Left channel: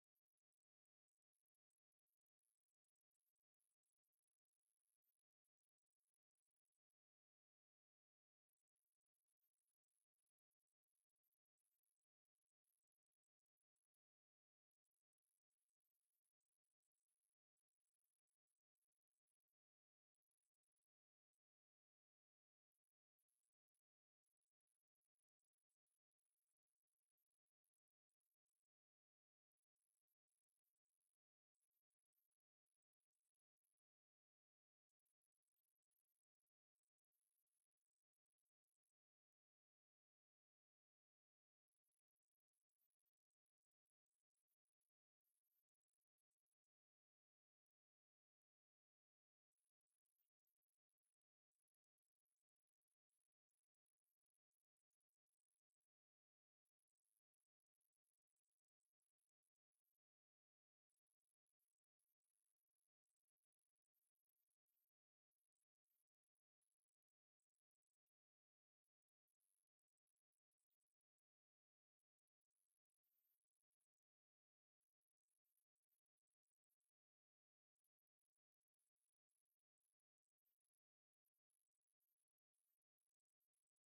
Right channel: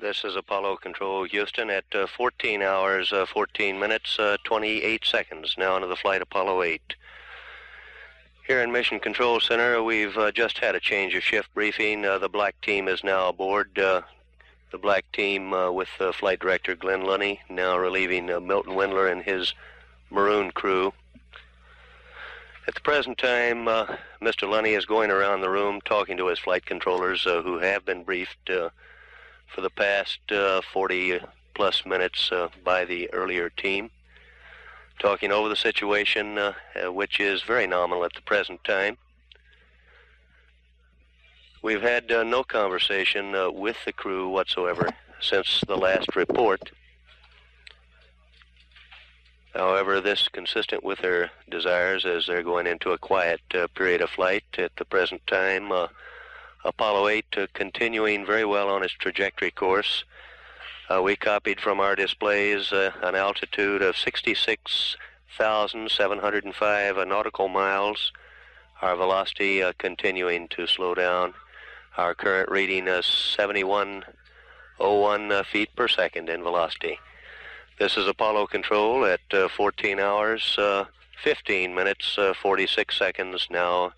This is Apollo Control Houston at 14 hours, 14 minutes, 28 seconds, now into the flight Apollo 8. Here in Mission Control Center, we've just had a change of shift briefing. The black team is now aboard. The black team with Flight Director Glenn Lunny, now relieving Milt Windler and his maroon crew. At the present time, Mr. Lunny is going around the room talking to his flight controllers who have been briefed for the past 40-plus minutes by the earlier team, talking over the situation, which is very nominal at the present time. We've had no conversation with the crew whatsoever since the last report. However, this is consistent with their desires as they're going into a quiet period of flight at the present time. Apollo 8 continuing very well on its trajectory course. We copied from our displays an altitude of 66,705 nautical miles. Our velocity continuing to slow down. Our current reading is 7101 feet per second in velocity. This is Apollo Control at 14 hours, 15 minutes, 46 seconds now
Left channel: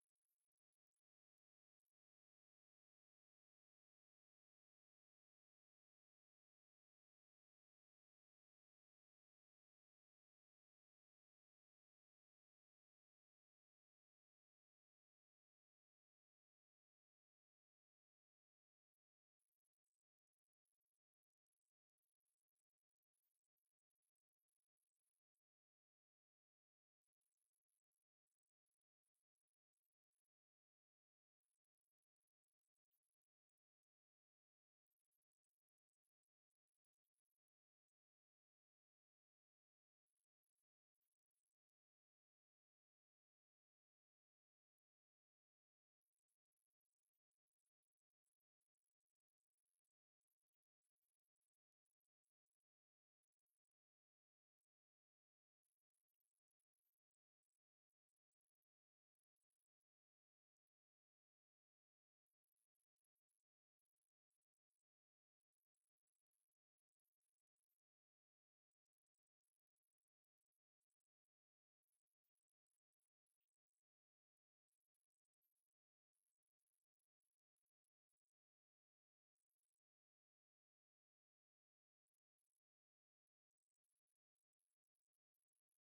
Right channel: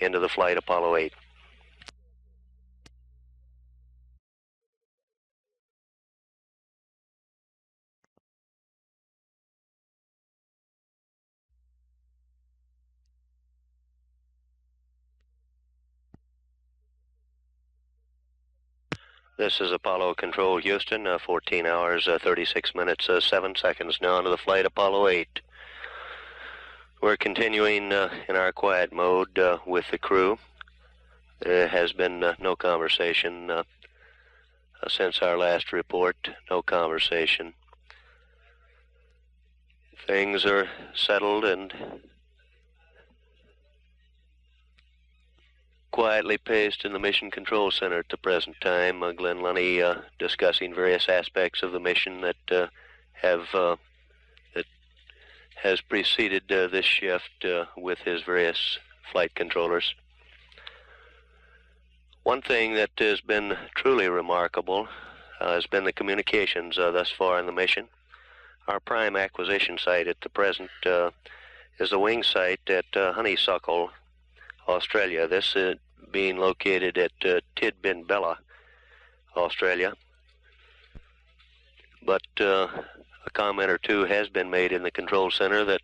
into the flight Apollo 8. This is Apollo Control Houston, 14 hours, 36 minutes, 7 seconds now into the flight Apollo 8. We're continuing in our quiet mode with the crew. There has been no conversation since our last report, no conversation. Things are settled and quietly paced in the Mission Control Center at the present time. Glenn Lunny discussing various aspects of the mission that has preceded this shift with his various flight controllers. One thing that has been truly remarkable has been the communications thus far in the mission. Our prime acquisition site at the present is the wing site at Honeysuckle, Australia. This being located at Tidbinbilla, Australia. But a comment or two has been made in the control center that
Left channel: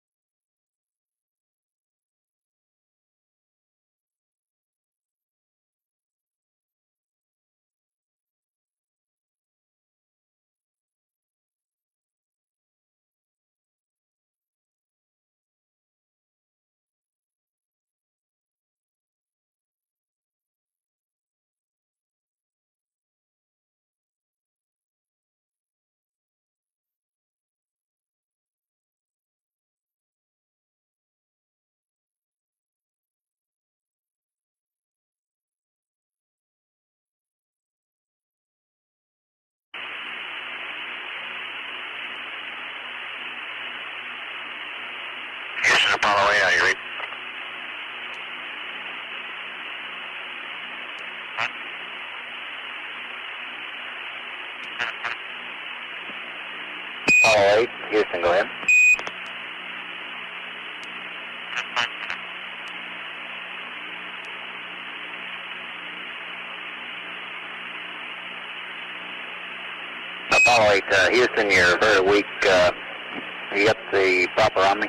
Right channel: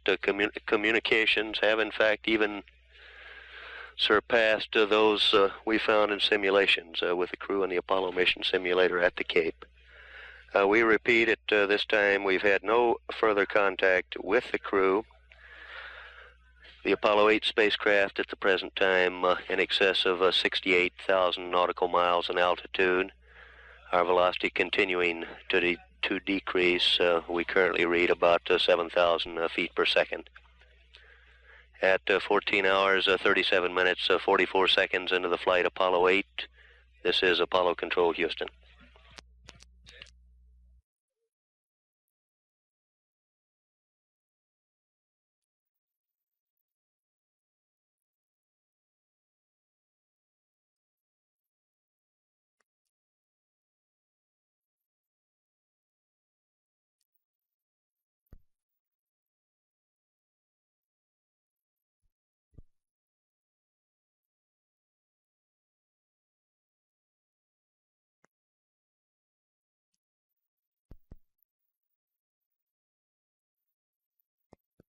communications have in fact even surpassed those we found in simulations with the crew in the Apollo mission simulator at the Cape. We repeat at this time we've had no further contact with the crew. The Apollo 8 spacecraft at the present time in excess of 68,000 nautical miles in altitude. Our velocity continuing to decrease. We currently read about 7,000 feet per second. At 14 hours, 37 minutes, 44 seconds into the flight Apollo 8, this is Apollo Control Houston. Houston, Apollo 8, how do you read? Apollo 8, Houston, go ahead. Apollo 8, Houston, you're very weak. You got the proper on me?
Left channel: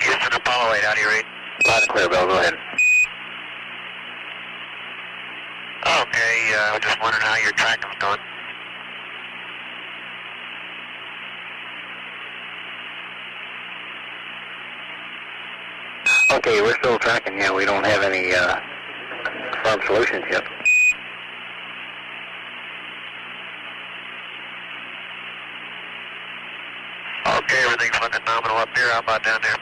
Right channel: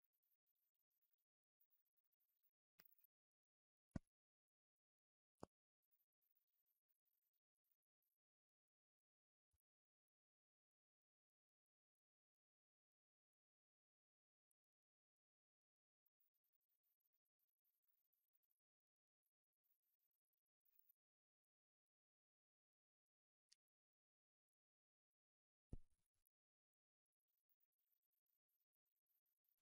Houston, Apollo 8, how do you read? Loud and clear, Bill, go ahead. Okay, I was just wondering how your tracking's going. Okay, we're still tracking, yeah, we don't have any firm solutions yet. Okay, everything's looking nominal up here. How about down there?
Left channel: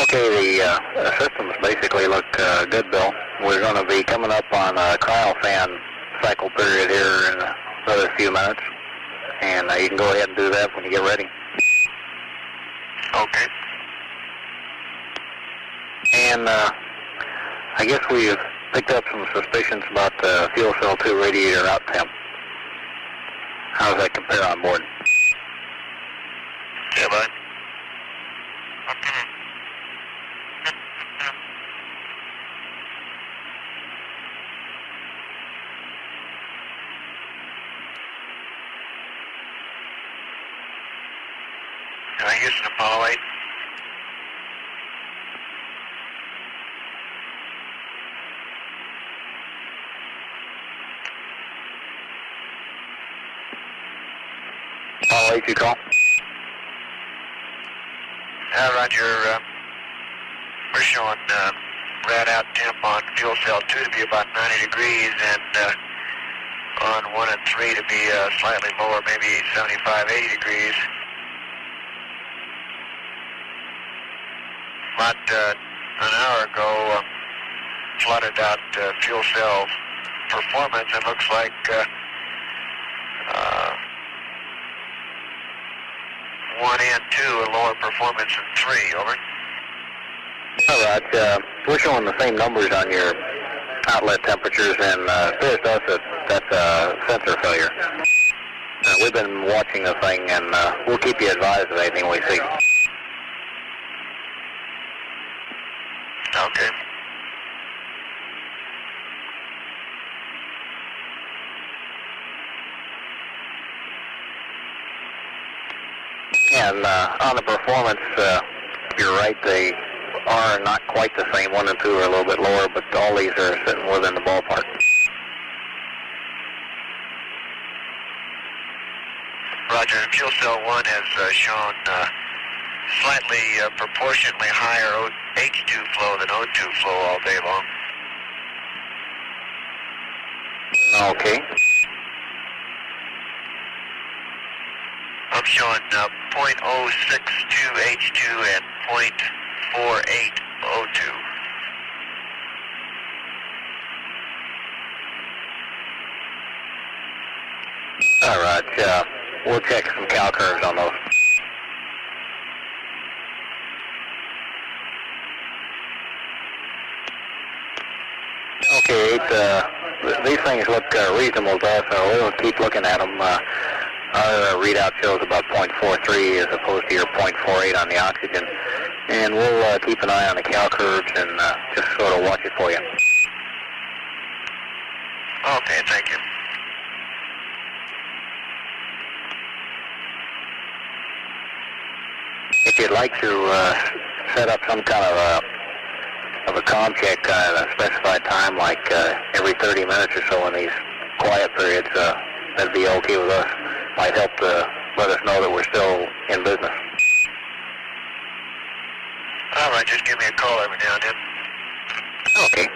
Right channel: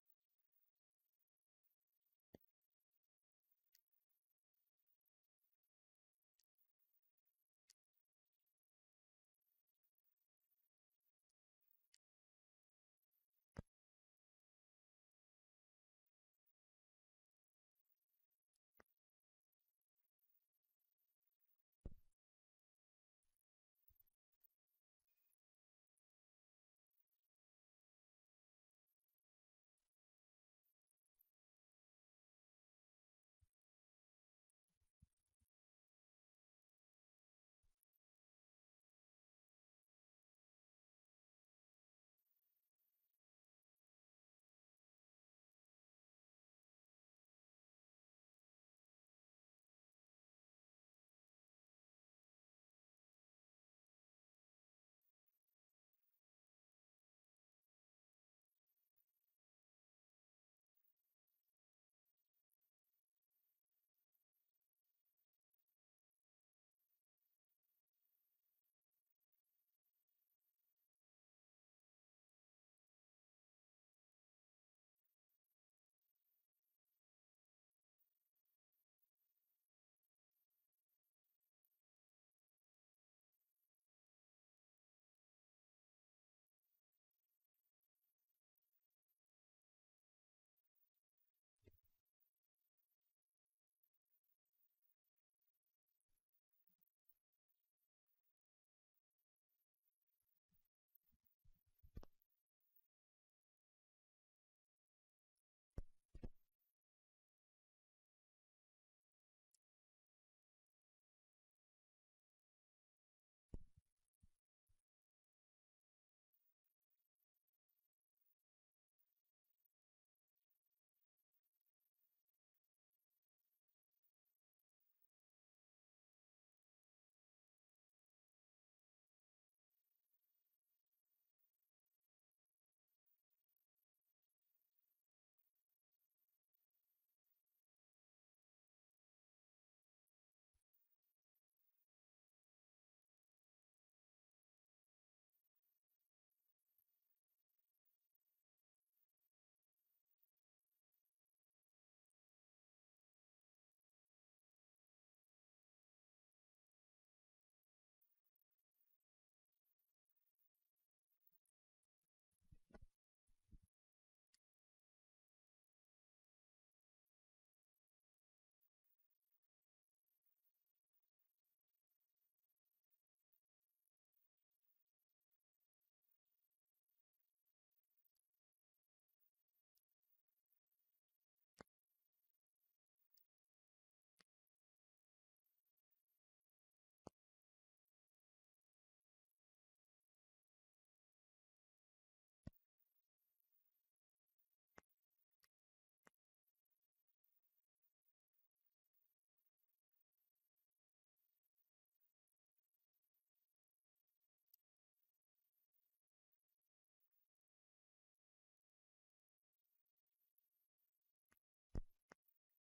Okay, the systems basically look good, Bill. We're going to be coming up on a cryofan cycle period here in another few minutes, and you can go ahead and do that when you get ready. Okay. And I guess we've picked up some suspicions about the fuel cell 2 radiator out temp. How does that compare on board? Yeah, bud. Houston, Apollo 8. Apollo 8, you call? Roger. We're showing rad out temp on fuel cell 2 to be about 90 degrees and on 1 and 3 to be slightly lower, maybe 75, 80 degrees. About an hour ago, plotted out fuel cell performance. It looks like 1 and 2 a lower performance than 3. Over. All right. We're showing the same numbers on your outlet temperatures, and it appears to us that's a sensor failure. We've been watching the thing, and we'll keep you advised of anything we see. Okay. And on the performance, you're right, they are not quite the same. 1 and 2 are a little bit lower, but all these are sitting within the ballpark. Roger, fuel cell 1 has shown slightly proportionately higher H2 flow than O2 flow all day long. Okay. I'm showing 0.062 H2 and 0.48 O2. All right, we'll check some cal curves on those. Okay, these things look reasonable to us, so we'll keep looking at them. Our readout shows about 0.43 as opposed to your 0.48 on the oxygen. And we'll keep an eye on the cal curves and just sort of watch it for you. Okay, thank you. If you'd like to set up some kind of a comm check at a specified time, like every 30 minutes or so in these quiet periods, that'd be okay with us. Might help let us know that we're still in business. All right, just give me a call every now and then. Okay.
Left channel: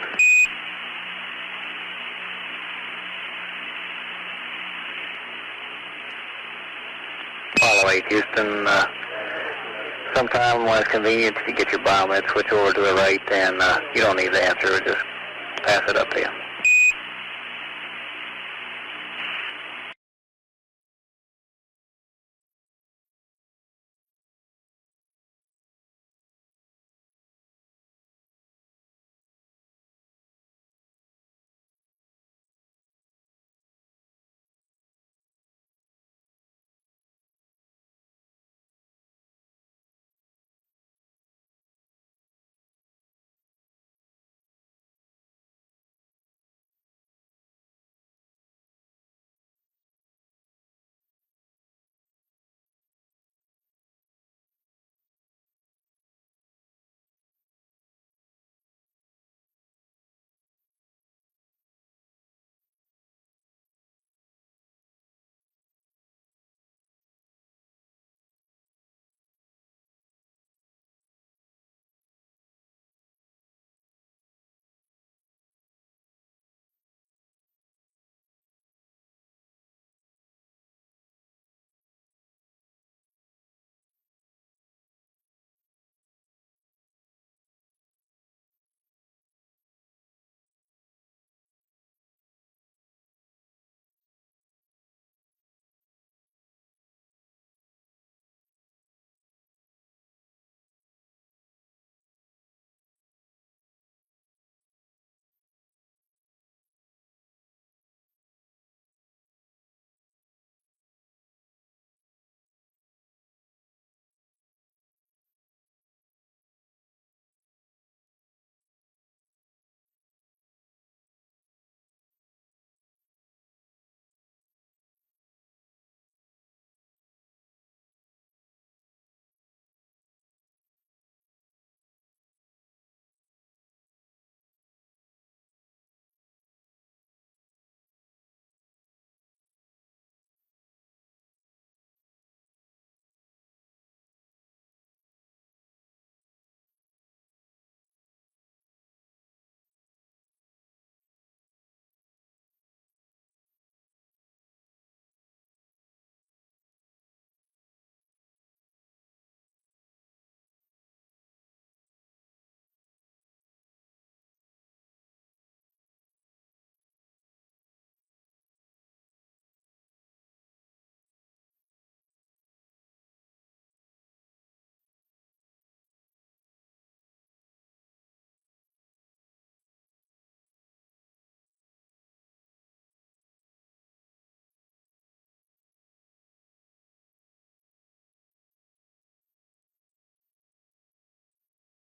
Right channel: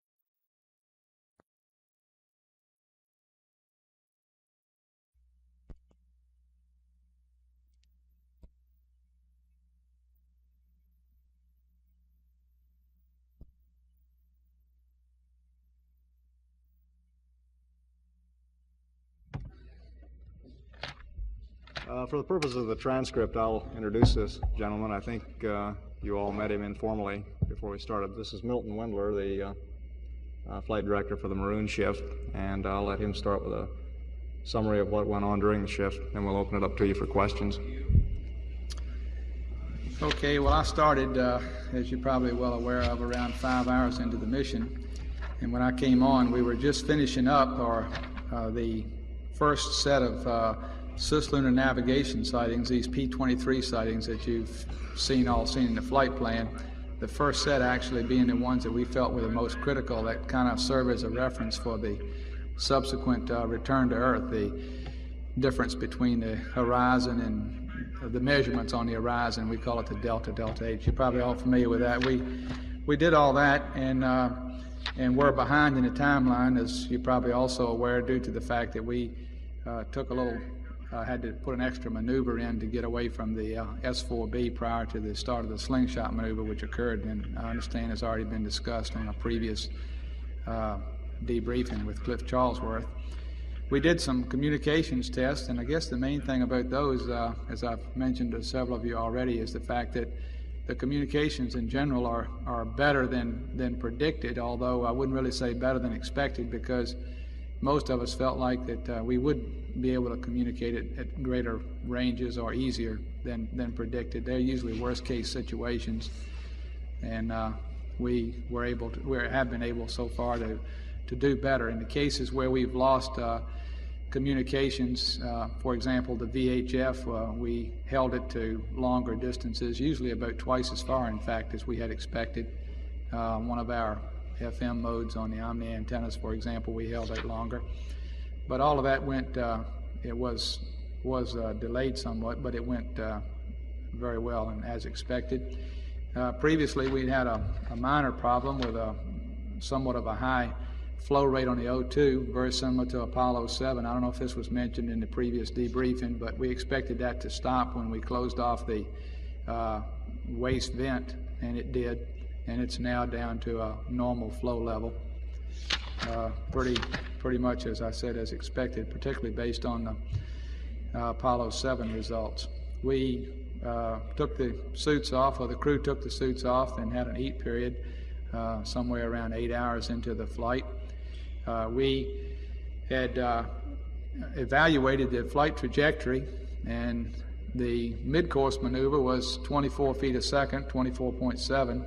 Apollo 8, Houston. Sometime when it's convenient to get your biomed switch over to the right, and you don't need the answer, just pass it up to you. For the purpose of the transcript, I'll introduce this gentleman. I think you all met him informally before we started. This is Milt Windler, the flight director for the Maroon shift, and I'll let him start with a summary of what went on during the shift, and we'll open it up to you for questions. Okay, well, I started, as you're probably well aware of, around 5 hours into the mission, and when I came on, we were just finishing up the first set of cislunar navigation sightings, these P-23 sightings that you've seen in the flight plan. The first set actually being the ones that we felt were the most critical, that kind of serve as a reference for the subsequent return to Earth, the difference between the horizon and the measurements on the horizon. We call it the delta H. You're probably all familiar with that. We did all that, and and we're behind in the timeline, as you're probably also aware, due to the fact that we had to put an extra maneuver in to get away from the S-4B prior to the start of the slingshot maneuver, which occurred, and I understand has already been discussed on a previous debriefing with Cliff Charlesworth. We did some communications tests, and I guess the main thing about those, as I've mentioned to several of you already, is the fact that the communications in general are better than predicted, although I wouldn't really say better than expected, because most of us felt like that we would be able to communicate at greater ranges or easier than predicted. They're usually worst case situations, and we have been able so far to do better. In the cases where we've lost communications, for example, the VHF, we held it to longer distances, usually about twice as far, in fact, as we had expected. One of our FM modes on the Omni antennas, for example, we held it longer. But all of that went, it was delayed somewhat, but it went very well and as expected. Previously, we'd had a minor problem with somewhat of a high flow rate on the O2, very similar to Apollo 7. I don't know if this was mentioned in the previous debriefing, but we expected that to stop when we closed off the waste vent, and it did, and it's now down to a normal flow level. Pretty much, as I said, as expected, particularly based on the Apollo 7 results. We took the suits off, or the crew took the suits off, and had an heat period somewhere around 8 hours into the flight. We had evaluated the flight trajectory, and the mid-course maneuver was 24 feet a second, 24.7.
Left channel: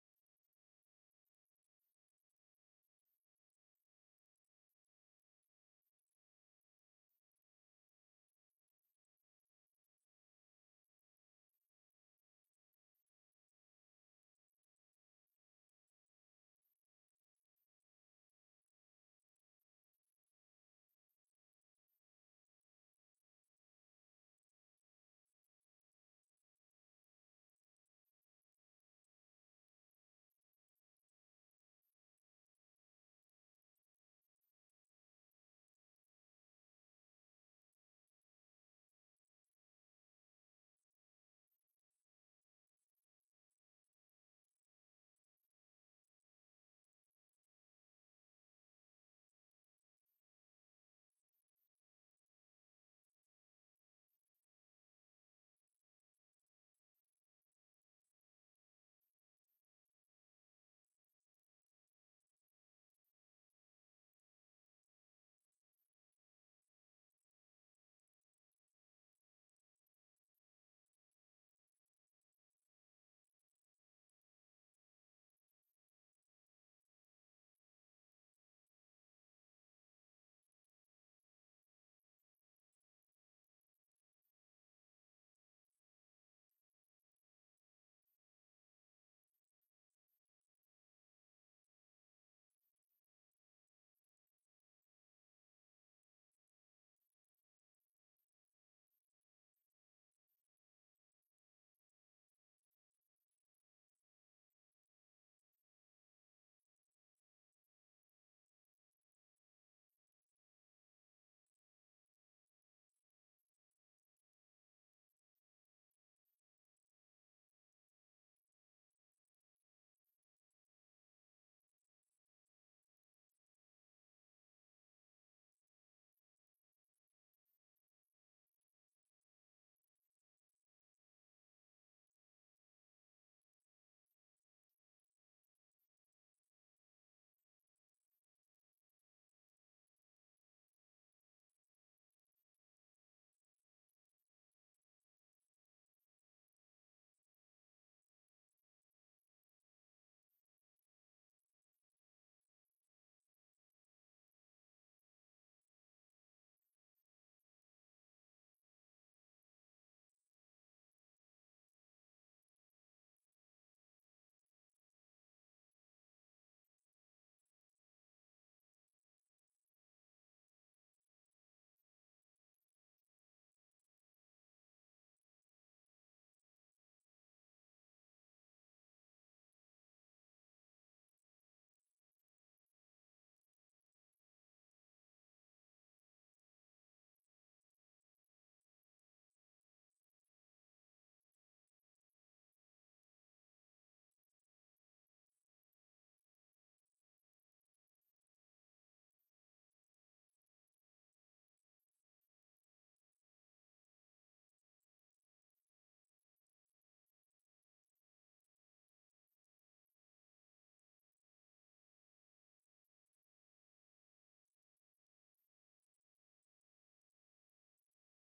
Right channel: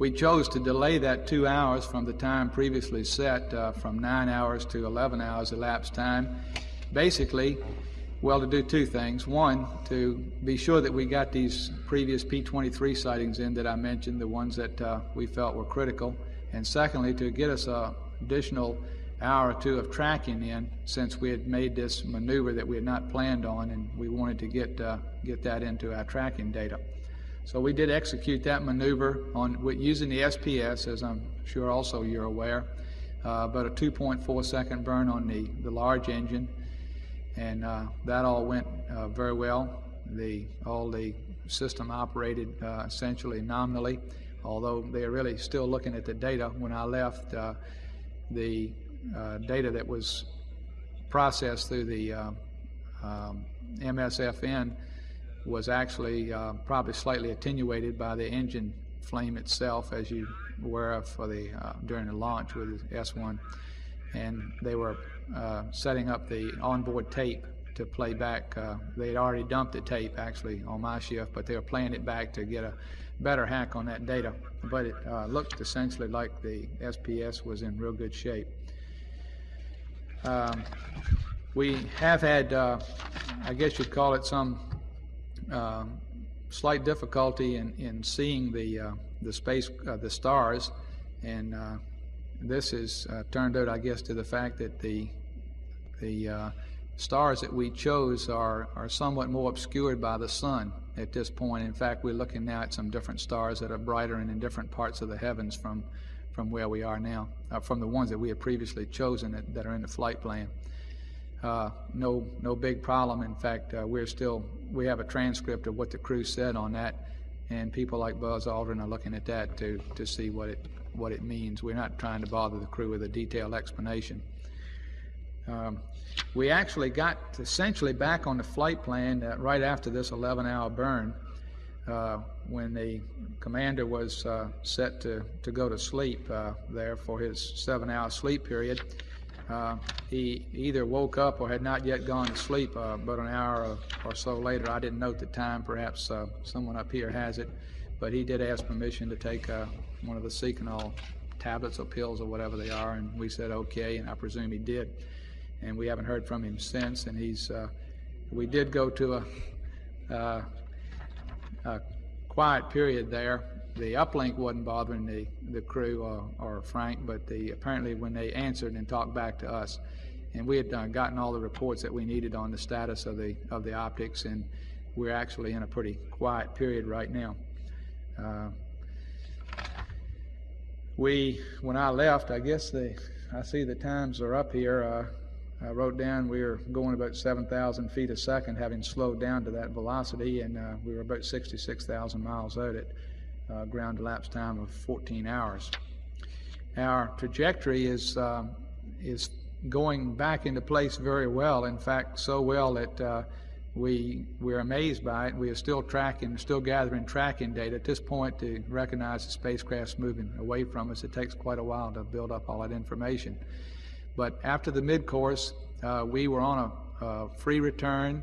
We chose to delay that 2 hours from the time previously set, from 9 hours to 11 hours elapsed time, basically, well, to do two things. One, to be sure that we got these previous P-23 sightings in that I mentioned, the ones that we felt were critical, and secondly, to get us an additional hour or two of tracking in, since we had made this maneuver that we had not planned on, and we wanted to get that into our tracking data. So we did execute that maneuver using the SPS, as I'm sure also you're aware, but a 2.4 second burn on the large engine, and that all went very well. All the system operated essentially nominally, although they are really still looking at the data. When I left, the data that was processed through the MSFN was actually probably slightly attenuated by the engine flame itself, as you were of during the launch with the S1, and they were setting up the onboard tape to play back. They had already dumped the tape actually on my shift, but they were playing it back to get a better hack on that data. But it looked essentially like the SPS was in real good shape. We have had, I guess you'd call it, some slight difficulty in seeing the stars, and this is turned out, I guess, to the fact that the stars that we chose are somewhat more obscured by the sun at this point. In fact, we're looking now at some different stars that are brighter and in different parts of the heavens from where we are now, from the ones that we had previously chosen that are in the flight plan. No big problem. In fact, we have a transcript of what the crew said on that, and people like Buzz Aldrin are looking at that to see what it means. We're not trying to bother the crew with a detailed explanation. We actually got essentially back on the flight plan right after this 11-hour burn, when the commander was set to go to sleep there for his 7-hour sleep period. He either woke up or had not yet gone to sleep, but an hour or so later. I didn't note the time. Perhaps someone up here has it, but he did ask permission to take one of the Seconal tablets or pills or whatever they are, and we said okay, and I presume he did. And we haven't heard from him since, and we did go to a quiet period there. The uplink wasn't bothering the crew or Frank, but apparently when they answered and talked back to us, and we had gotten all the reports that we needed on the status of the optics, and we're actually in a pretty quiet period right now. When I left, I guess I see the times are up here. I wrote down we were going about 7,000 feet a second, having slowed down to that velocity, and we were about 66,000 miles out at ground elapsed time of 14 hours. Our trajectory is going back into place very well. In fact, so well that we're amazed by it. We are still gathering tracking data at this point to recognize the spacecraft's moving away from us. It takes quite a while to build up all that information. But after the mid-course, we were on a free return.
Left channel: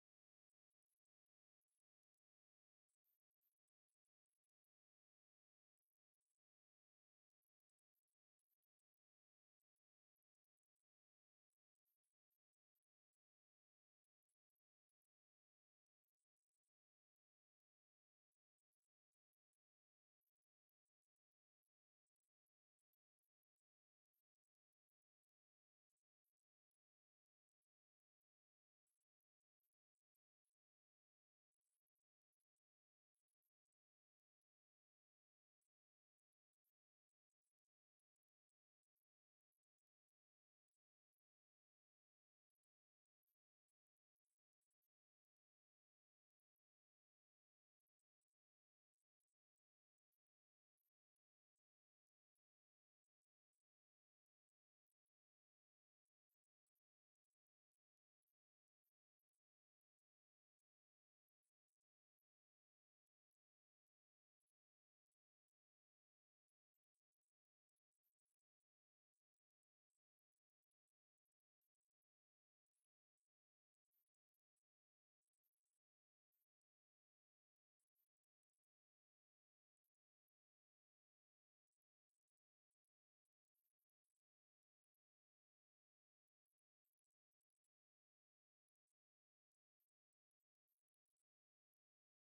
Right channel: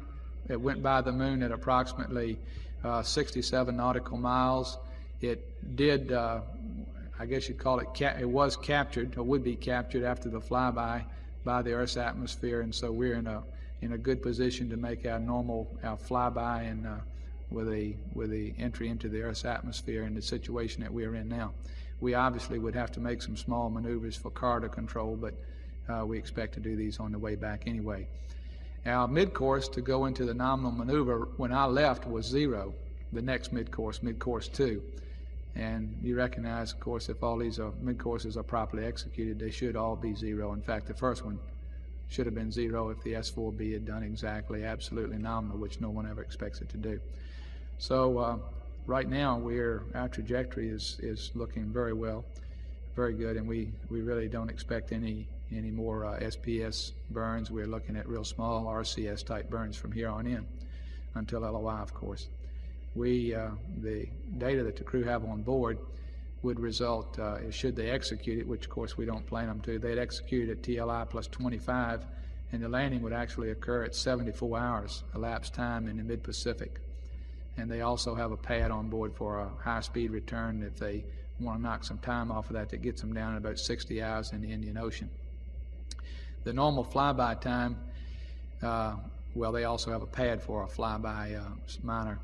It went by the moon at approximately 67 nautical miles. It did, I guess you'd call it, it was captured, or would be captured after the flyby by the Earth's atmosphere, and so we're in a good position to make our flyby and with the entry into the Earth's atmosphere in the situation that we're in now. We obviously would have to make some small maneuvers for corridor control, but we expect to do these on the way back anyway. Our mid-course to go into the nominal maneuver when I left was 0, the next mid-course 2. And you recognize, of course, if all these mid-courses are properly executed, they should all be 0. In fact, the first one should have been 0 if the S4B had done exactly, absolutely nominal, which no one ever expects it to do. So right now, our trajectory is looking very well, very good, and we really don't expect any more SPS burns. We're looking at real small RCS type burns from here on in until LOI, of course. The data that the crew have on board would result, should they execute it, which of course we don't plan them to, they'd execute it at TLI plus 25, and the landing would actually occur at 74 hours elapsed time in the mid-Pacific. And they also have a pad on board for a high-speed return if they want to knock some time off of that gets them down at about 60 hours in the Indian Ocean. The normal flyby time, well, they also have a pad for a flyby minor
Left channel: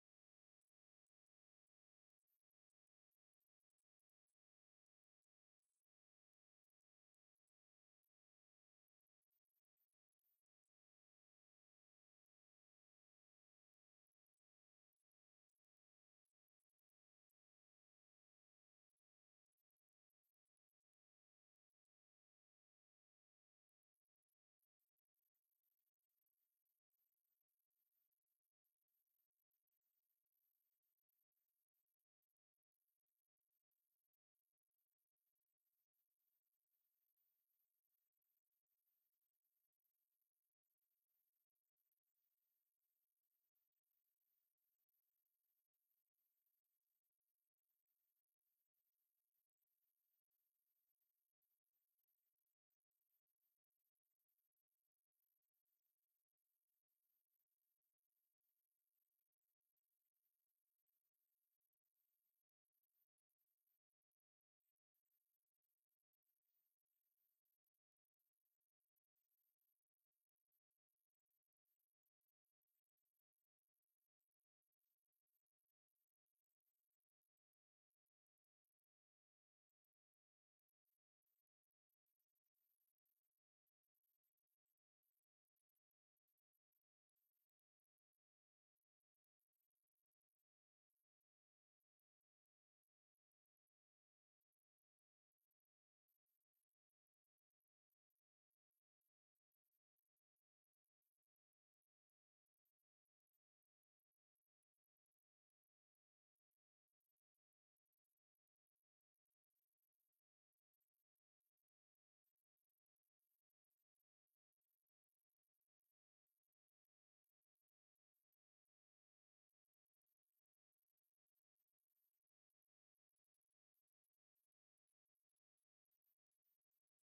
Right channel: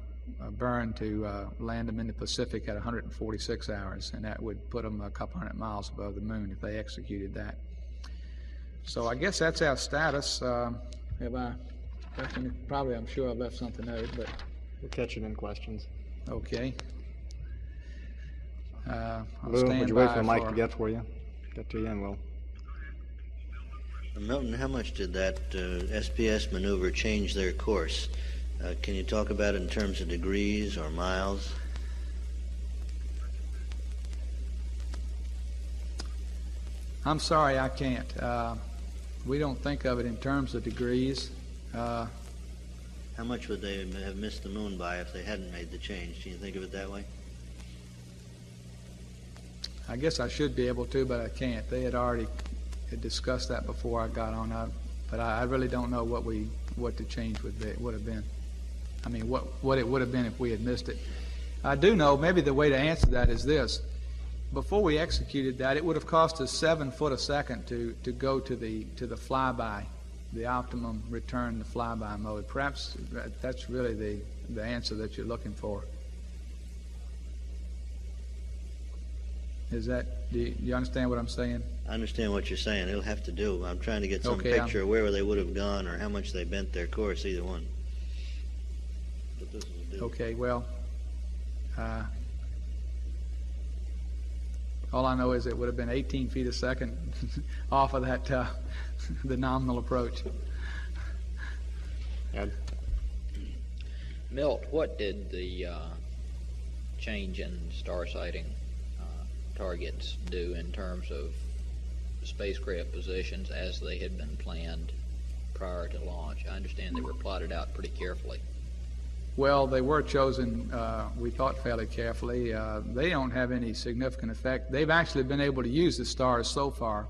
burn to land them in the Pacific at 146 hours, and that would put them a couple hundred miles above the moon if they executed that. So I guess that's our status. Have I left any? Probably, I'm sure I've left something out, but We'll catch it in questions. okay. Lou, would you wait for the mic to get to you, and we'll. Milton, how much did that SPS maneuver change their course? Can you talk about it in terms of degrees or miles? I'm sorry, I can't. We don't think of it in terms of degrees. How much would they have missed the moon by if they hadn't made the change? Do you think of it that way? I guess I should be able to, but I can't. They had already discussed that before I got on, but I really don't know what the change would have been. I mean, what it would have been if we had missed it. I do know, maybe the way to answer that is this. Before we executed that, it would have cost us 7 foot a second to go to the flyby, the optimum return to flyby mode. Perhaps that's really the answer that you're looking for. Do you understand what I'm saying? I understand what you're saying. It'll have to do. I'm trying to get some Okay, picture of where they would have gone or how much they bent their course, either one. But this will do. Okay, well, all I know is it would have been 18 feet a second off of that, the nominal approach. Ed? Milt, what did the change in star sighting targets do in terms of spacecraft positions as they had been planned prior to launch? I understand they were plotted out pretty carefully. Well, they were chosen, we thought, fairly carefully. They don't have any significant effect. They've actually been able to use the stars so far,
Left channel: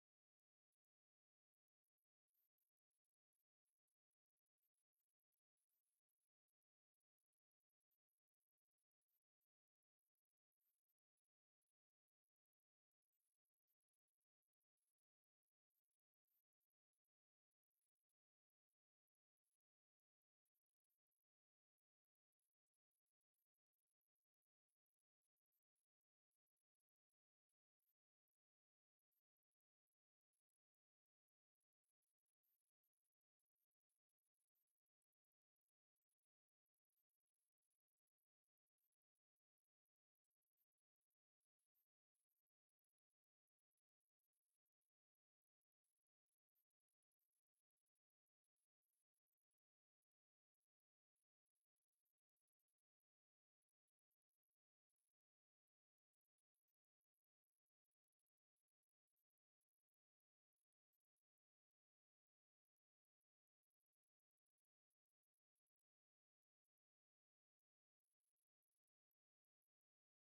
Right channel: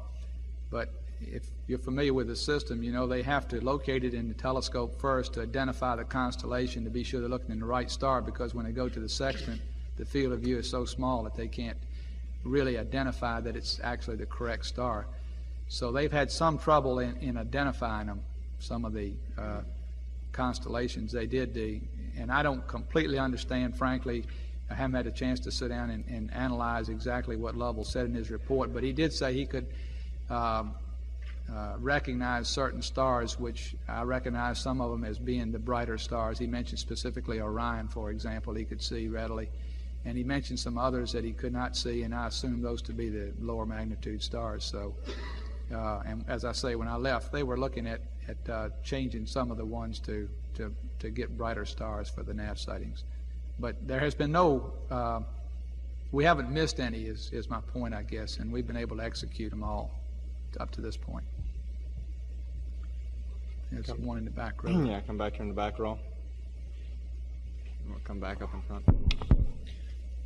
but if you're familiar with the system, you know they have to locate it in the telescope first to identify the constellation to be sure they're looking in the right star, because when they go to the sextant, the field of view is so small that they can't really identify that it's actually the correct star. So they've had some trouble in identifying them, some of the constellations. They did and I don't completely understand, frankly. I haven't had a chance to sit down and analyze exactly what Lovell said in his report, but he did say he could recognize certain stars, which I recognize some of them as being the brighter stars. He mentioned specifically Orion, for example, he could see readily. And he mentioned some others that he could not see, and I assumed those to be the lower magnitude stars. So, and as I say, when I left, they were looking at changing some of the ones to get brighter stars for the nav sightings. But there has been no, we haven't missed any is my point, I guess, and we've been able to execute them all up to this point. There's one in the back row. Yeah, come back here in the back row. We'll come back up in front.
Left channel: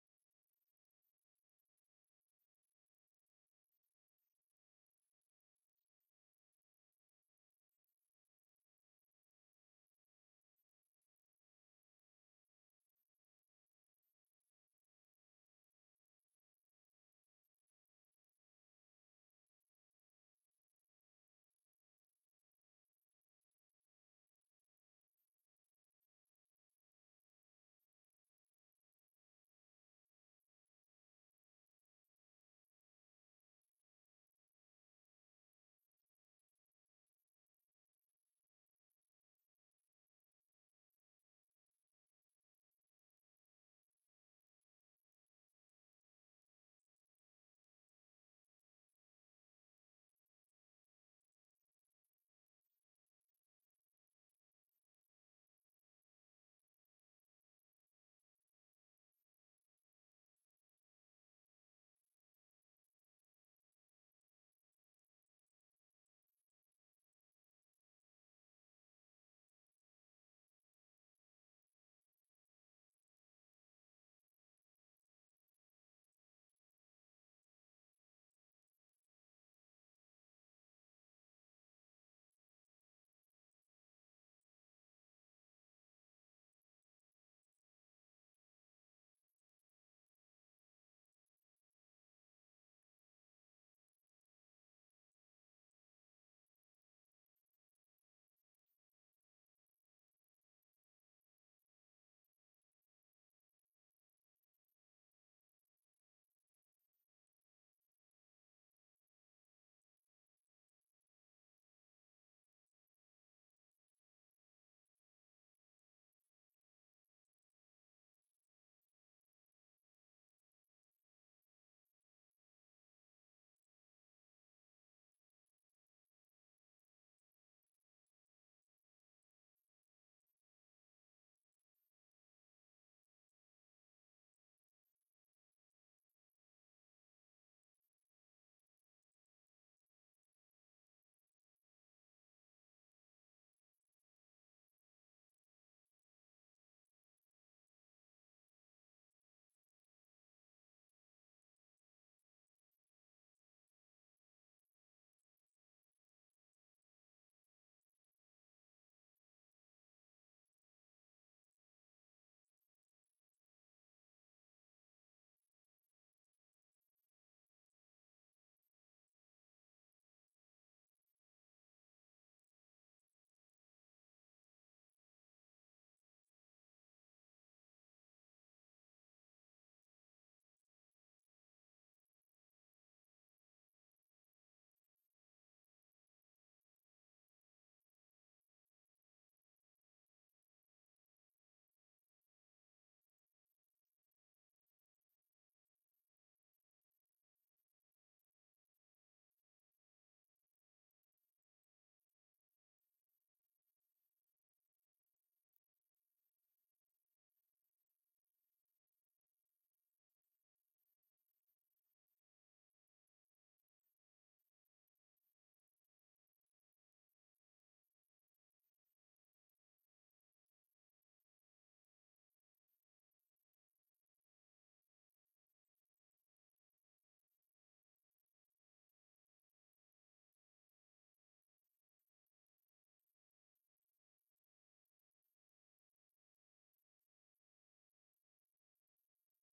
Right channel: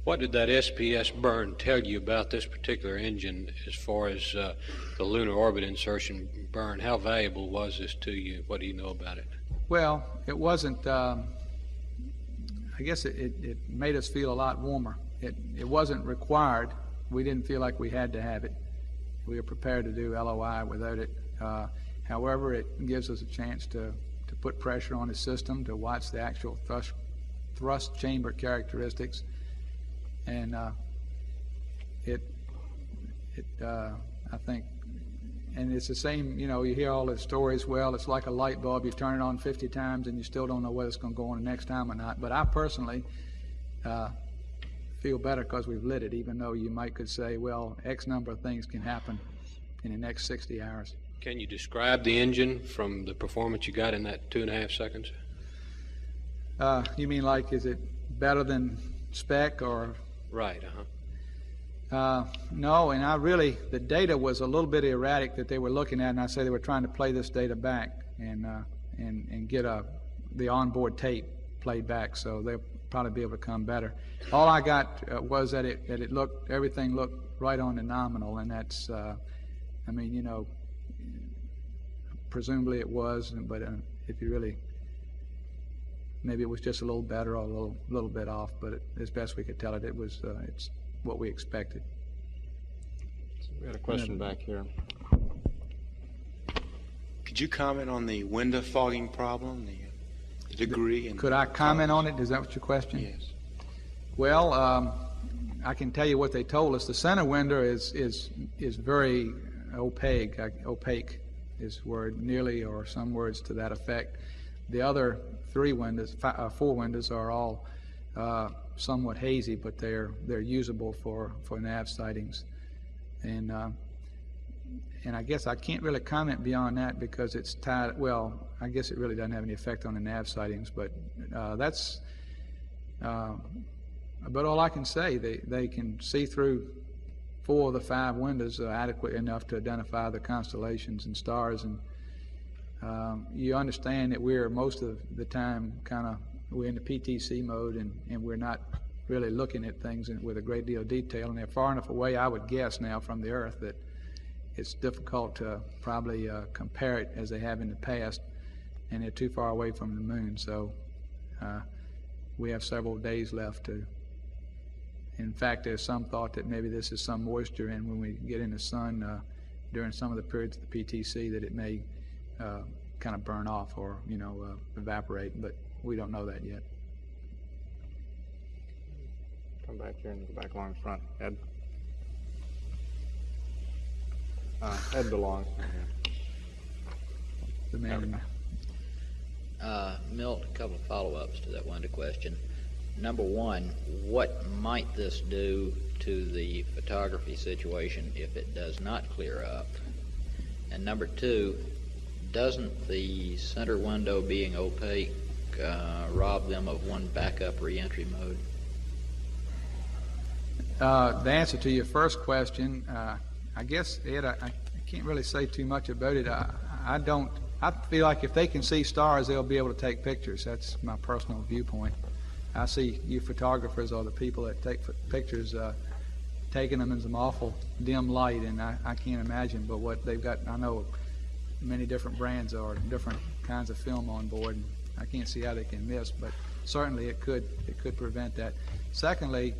What did that SPS burn tell you about this particular engine as far as the lunar orbit insertion burn? How valuable was this to you? What do you know about it? Well, it wasn't, I guess it made us feel a lot warmer. It wasn't required. We didn't feel like we had to have it. We were prepared to do LOI without it. However, it gives us a chance to put pressure on the system, to watch the actual thrust chamber characteristics. And I think, and it's the same, you know, you hear all the stories, well, it's like a light bulb, you turn it on 50 times and you still don't know whether it's going to go on the next time or not. But I personally feel better because we've lit it, even though you could say, well, X number of things can happen in the next 60 hours. Can you describe the engine from the performance you got in that 2.5 seconds? You mean like, is it better than spec or? Right, No, and the data was a little bit erratic that they were looking at, and I say they were trying to play this data back and get the onboard tape played back, so they'll probably be able to come better. All I got was that everything looked right on the nominal, and that's, I mean, you know, presumably it was, but if you really, maybe it was just a little better or a little bit off, but as best we could tell it, it's what we expected. So we had a question back here. Could you comment on the window fogging problem, the degree? And could I comment on it? Is that what your question? Yes. Well, I can tell you what they told us. The center window is very opaque. Opaque is word, nearly, or some words to that effect. The other four windows are all somewhat hazy, but they're usable for nav sightings, and I guess I can't really comment beyond that because it's tied. Well, I guess it really doesn't have any effect on the nav sightings, but that's about all I can say. They can see through 4 of the 5 windows adequate enough to identify the constellations and stars, and you understand that we're most of the time we're in the PTC mode, and we're not really looking at things with a great deal of detail, and they're far enough away, I would guess now, from the Earth that it's difficult to probably compare it as they have in the past, and they're too far away from the moon, so we have several days left to. In fact, there's some thought that maybe this is some moisture, and when we get in the sun during some of the periods of the PTC, that it may kind of burn off or, you know, evaporate, but we don't know that yet. Come back here and go back along the front. Ed. Ed belongs. The man in Milt, a couple of follow-ups to that window question. Number one, what might this do to the photography situation if it does not clear up? And number two, doesn't the center window being opaque rob them of one backup reentry mode? The answer to your first question, I guess, Ed, I can't really say too much about it. I feel like if they can see stars, they'll be able to take pictures. That's my personal viewpoint. I see you photographers or the people that take pictures taking them in some awful dim light, and I can't imagine. But what they've got, I know many different brands or different kinds of film on board, and I can't see how they can miss. But certainly it could prevent that. Secondly,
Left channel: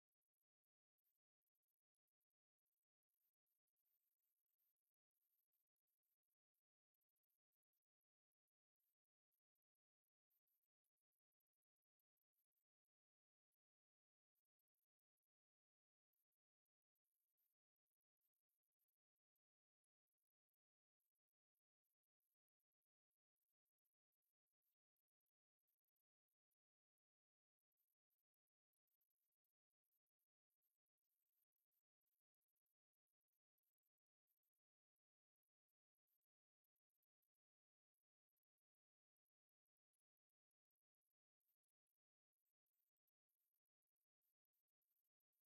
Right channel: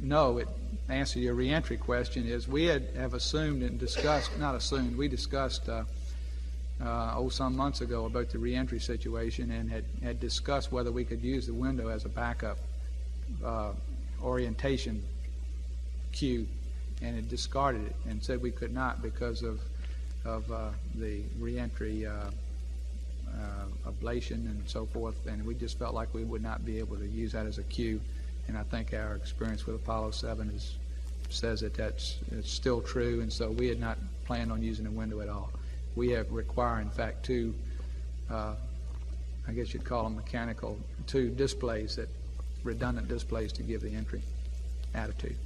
no. Answer your reentry question is we have assumed and discussed, not assumed, we discussed some months ago about the reentry situation, and had discussed whether we could use the window as a backup orientation cue, and had discarded it and said we could not because of the reentry ablation and so forth, and we just felt like we would not be able to use that as a cue, And I think our experience with Apollo 7 says that it's still true, and so we had not planned on using a window at all. We have required, in fact, two, I guess you'd call them mechanical, two displays, that redundant displays to give the entry attitude.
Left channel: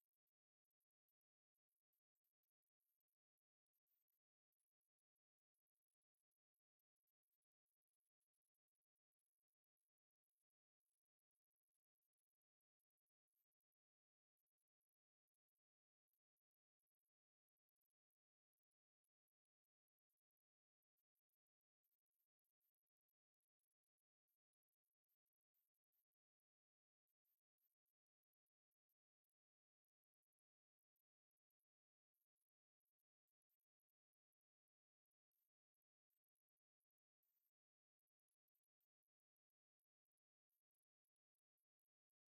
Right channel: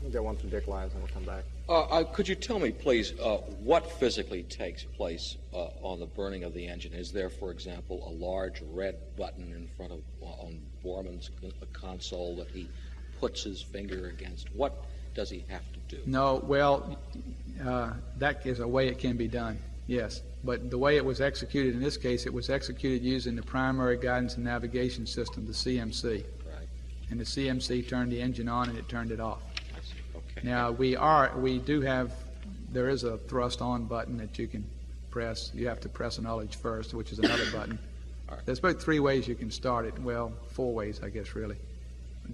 We'll get one from Dick Lyons and we'll come back. Could you tell me, please, what physically takes place on the burning of the engine? Is there, for example, a large red button in front of on Borman's console that he puts his finger against? What does he have to do? No, well, that is a way it can be done, yes. But the way it was executed in this case, it was executed using the primary guidance and navigation system, the CMC. Right. And the CMC turned the engine on and it turned it off. Okay. Now, there is a thrust on button that you can press. You have to press an ullage first, which is another button. All right. There's about 3 ways you can start it. Well, 4 ways, I guess, really.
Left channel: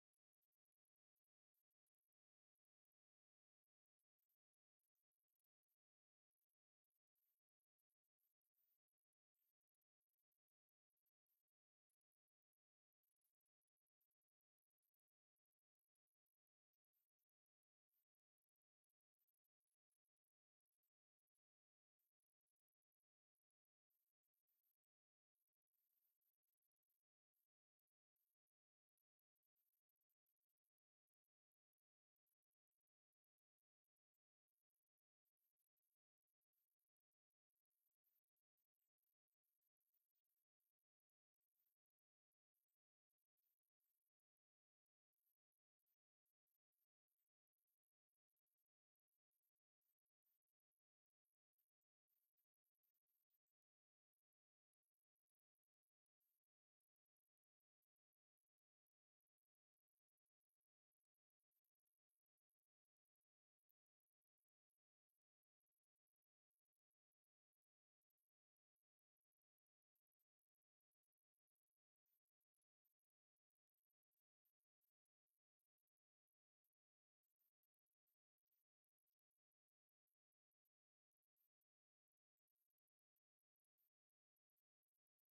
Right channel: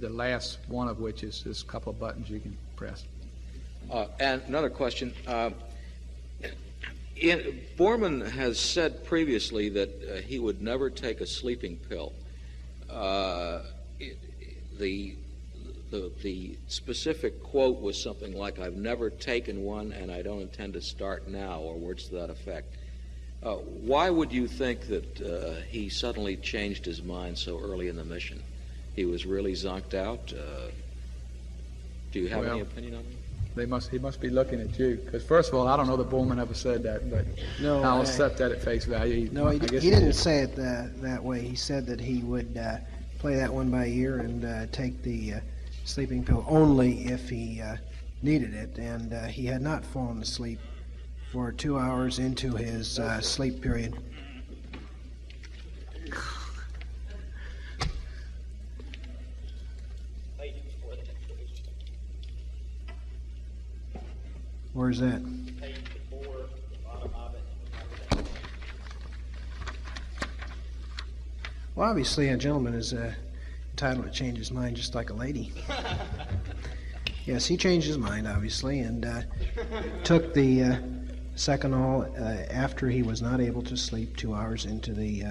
The last one of which is just a couple of buttons you can press. And another question. Borman has said previously that he would never take a sleeping pill. The specific quote was something like, "I've never taken one and I don't intend to start now," or words to that effect. Why would you think that he suddenly changed his mind so early in the mission? He was really zonked out? Do you have any opinion on that? He must be looking at you, because first of all, I don't know that Borman ever said that, but No, I'll accept that at face value. No, he didn't say it that way. He said that he would play that one by ear and take the sleeping pill only if he needed it, and he had not fallen asleep for 2 hours into his sleep period. Where's that? Well, obviously, a gentleman is entitled to change his mind just like a lady. Yes, he changed his mind, obviously, and took the second all after he was not able to sleep 2 hours into the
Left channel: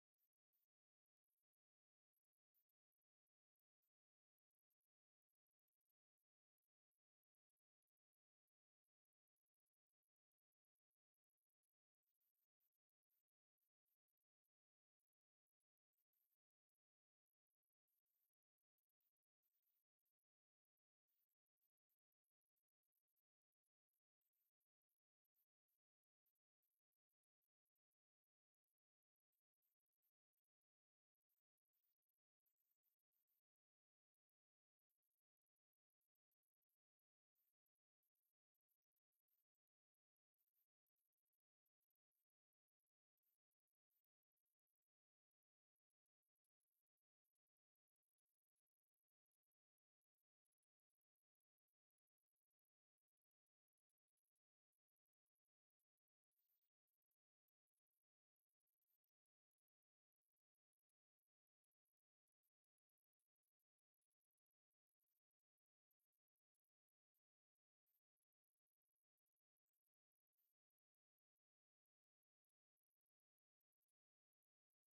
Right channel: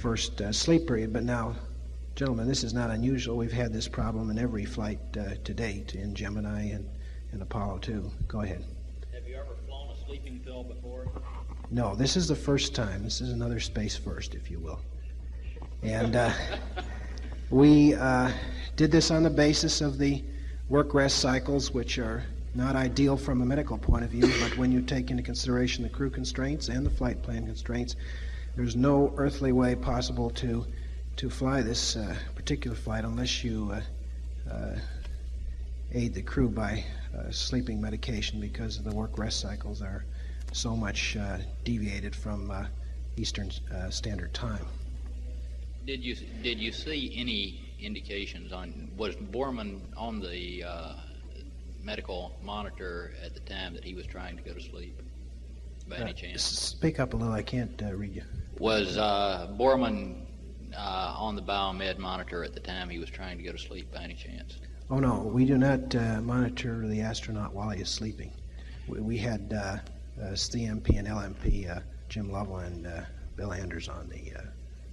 first sleep period. But now, gentlemen, this is not unusual. We've had this problem in every flight to date, in Gemini and Apollo 2. Go ahead. Have you ever flown a sleeping pill before? No, this is the first time. This is another space first, if you will. And we did this on the basis of the work-rest cycles, which are not ideal from a medical point of view, but when you take into consideration the crew constraints and the flight plan constraints, there's no earthly way possible to fly this particular flight unless you aid the crew by sleeping medication, because the work-rest cycles are so much deviated from Eastern Standard Time. Did you see any indications was Borman on the medical monitor at the time that he was trying to go to sleep, by any chance? Speak up a little, I can't read you. Was Borman on the biomed monitor at the time he was trying to go to sleep, by any chance? Oh no, we do not monitor the astronaut while he is sleeping. We had CMP and LMP, Jim Lovell and Bill Anders on the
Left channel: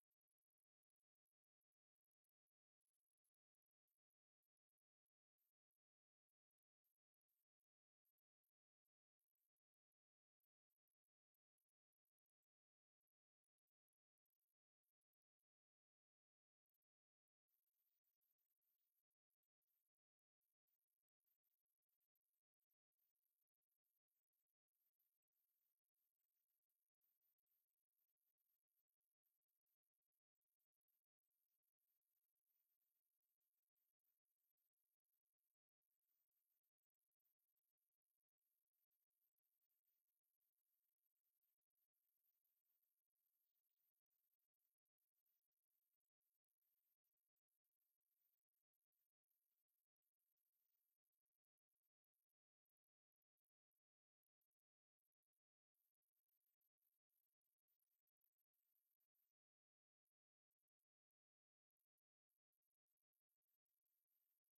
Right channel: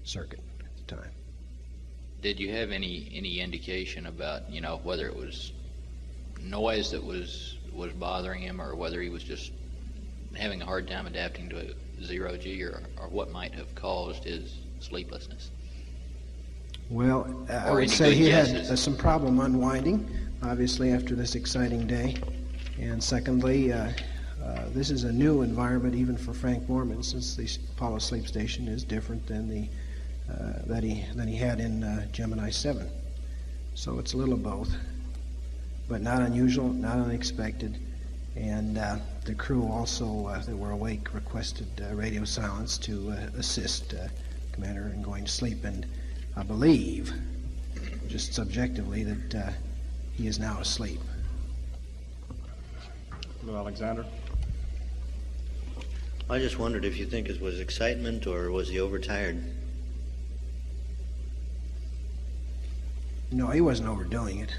circuit at the time. Did you have any indication about, whether it was noise that was bothering him, or whether he was just having a hard time adapting to zero G, or what might have caused his sleeplessness? Well, I would say he had some problem unwinding, obviously, after this exciting day. And secondly, this is a new environment even for Frank Borman, since the Apollo sleep station is different than the that he had in Gemini 7. So it's a little of both, but not unusual, not unexpected. And the crew also that were awake requested radio silence to assist Commander in going to sleep. And I believe, just subjectively, that he is now asleep. Hello, Alexander. I just wondered if you think it was excitement or was he overtired? No, he wasn't overdoing it.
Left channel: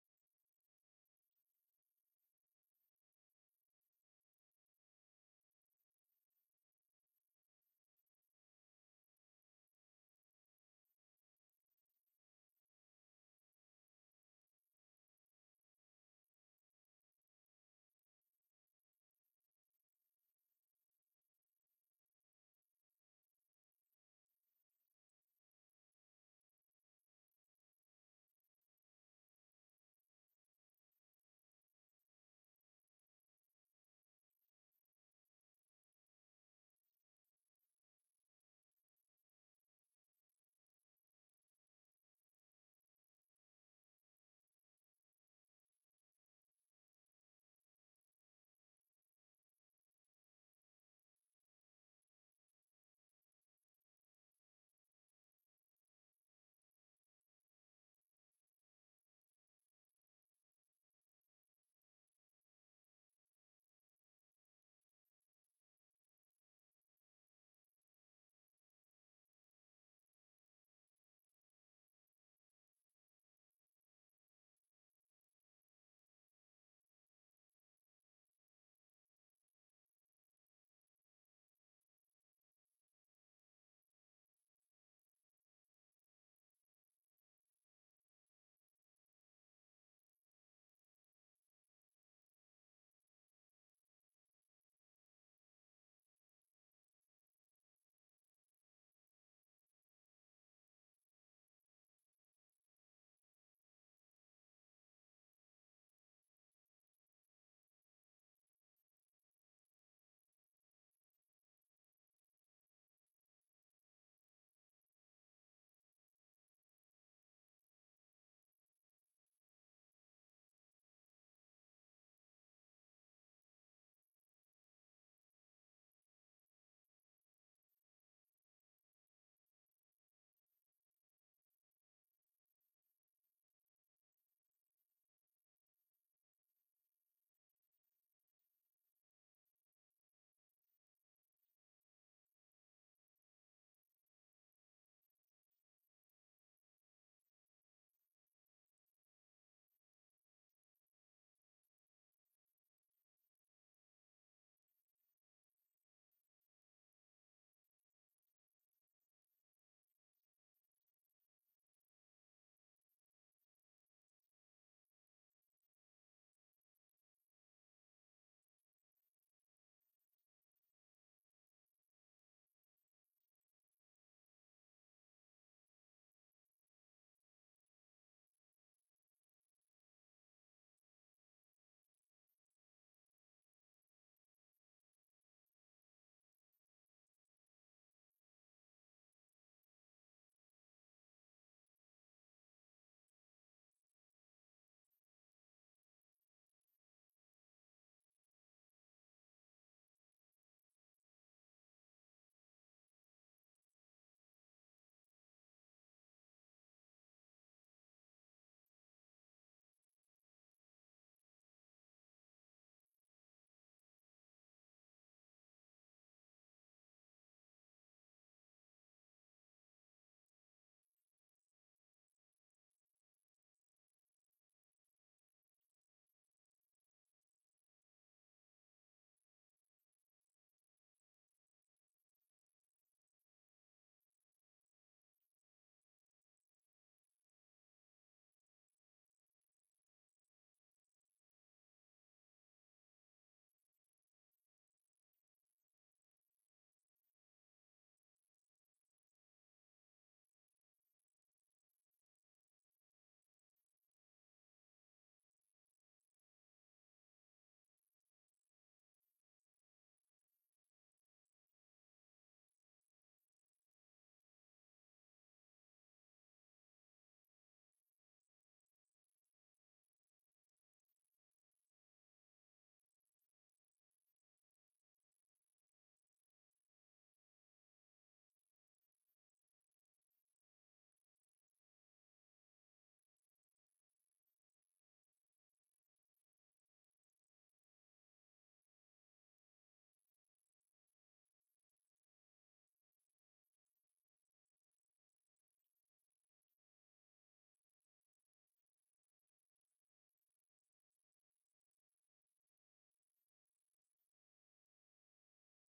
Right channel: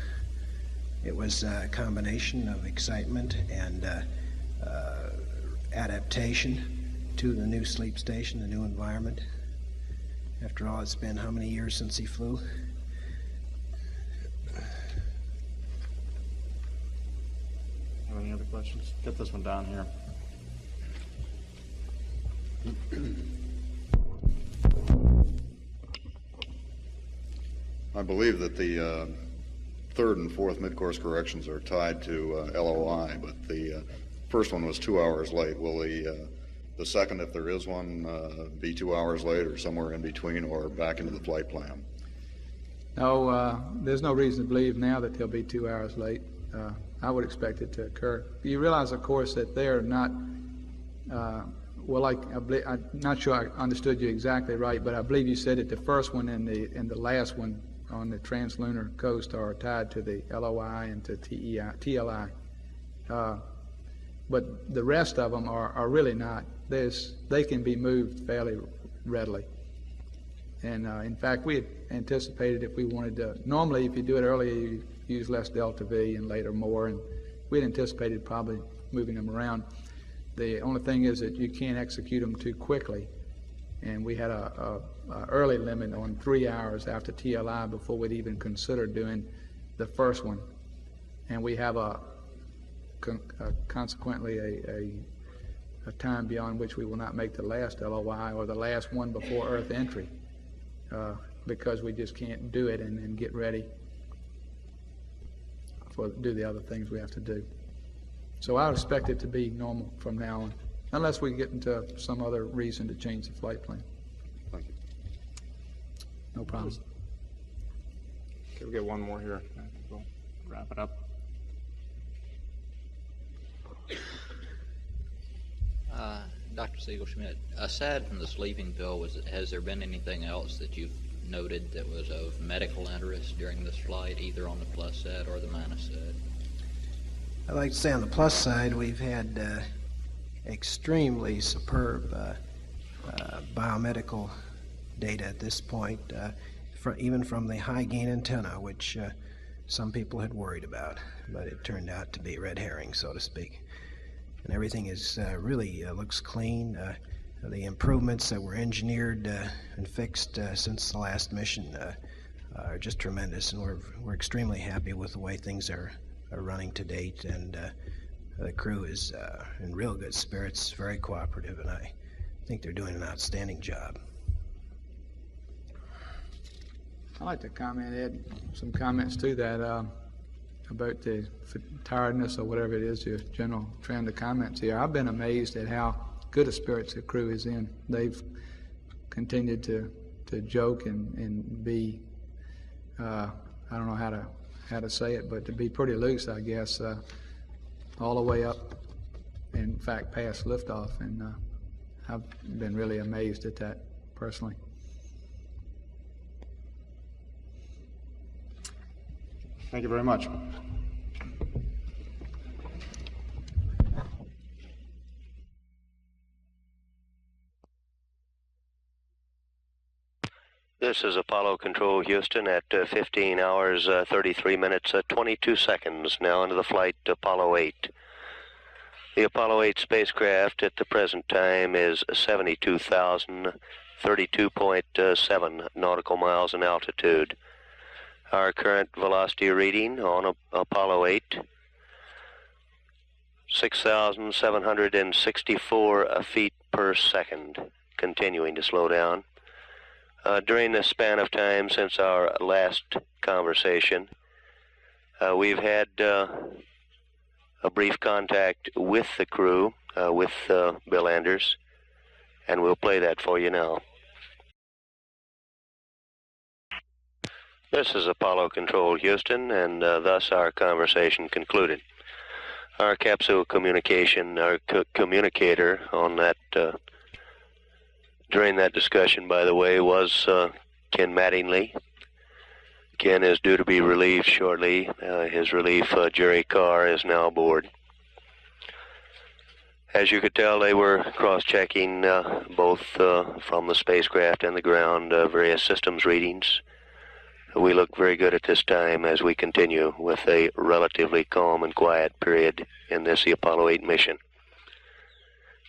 It was a combination of excitement and adaptation to the new sleep station, the new environment. After all, it's been how many years since he flew? questions. Get this one down here. I believe that the third and fourth mid-course corrections are tied to LOI, but the first one was 2 hours late. Will the second, if there is one, be 2 hours late or somewhere in between or back into the flight plan? No, there's no reason to believe now that they'll be 2 hours late. I would expect it to occur. You realize, of course, that they're not, I'm not sure I understood you exactly right, but I believe you said that the first one and the last one on the translunar coast are tied to the LOI and to TLI. But the rest of them are really not. They can be moved fairly readily. And in fact, we had anticipated if we wanted to, normally if you do it earlier, you use less delta V and later more, and we had anticipated probably moving them around. The only thing is that you can't execute them too quickly. And we had a early limit on 3 hours after TLI before we'd even consider doing the first one. And we have consequently a time beyond which we will not make the last LOI or the last one before Earth entry, because we just can't do it and get ready for do the other things we have to do. So I would expect it to be normal from now on, unless we get into some other reason to change the flight plan. Thank you. No problem. Okay, we'll get one more here. We'll wrap it up. Dr. Siegel-Schmidt, aside from the sleeping pill, has there been anything else that you've noted that was of medical interest during this flight, either on the plus side or the minus side? I'd like to say on the plus side, we've had extremely superb biomedical data at this point, even from the high gain antenna, which some people had worried about, but it turned out to be red herring, so to speak. And everything is really looks clean. The improvements that were engineered and fixed since the last mission are just tremendous, and we're extremely happy with the way things are running to date. And the crew is in real good spirits, very cooperative, and I think they're doing an outstanding job. I'd like to add some comments to that about the tiredness or whatever it is, your general trend of comments here. I've been amazed at how good a spirits the crew is in. They've continued to joke and be, I don't know how to say it, but to be pretty loose, I guess, all the way up, in fact, past liftoff, and I've been really amazed at that personally. Thank you very much. This is Apollo Control Houston at 15 hours, 33 minutes, 22 seconds, now into the flight Apollo 8. The Apollo 8 spacecraft at the present time is 72,032.7 nautical miles in altitude. Our current velocity reading on Apollo 8, 6,764 feet per second, continuing to slow down. During this span of time since our last conversation, we've had a brief contact with the crew, with Bill Anders, and we'll play that for you now. This is Apollo Control Houston, and thus our conversation concluded. Our capsule communication, our communicator on that during that discussion, by the way, was Ken Mattingly. Ken is due to be relieved shortly. His relief, Jerry Carr, is now aboard. As you could tell, they were cross-checking both from the spacecraft and the ground various systems readings. We look very good at this time as we continue with a relatively calm and quiet period in this Apollo 8 mission.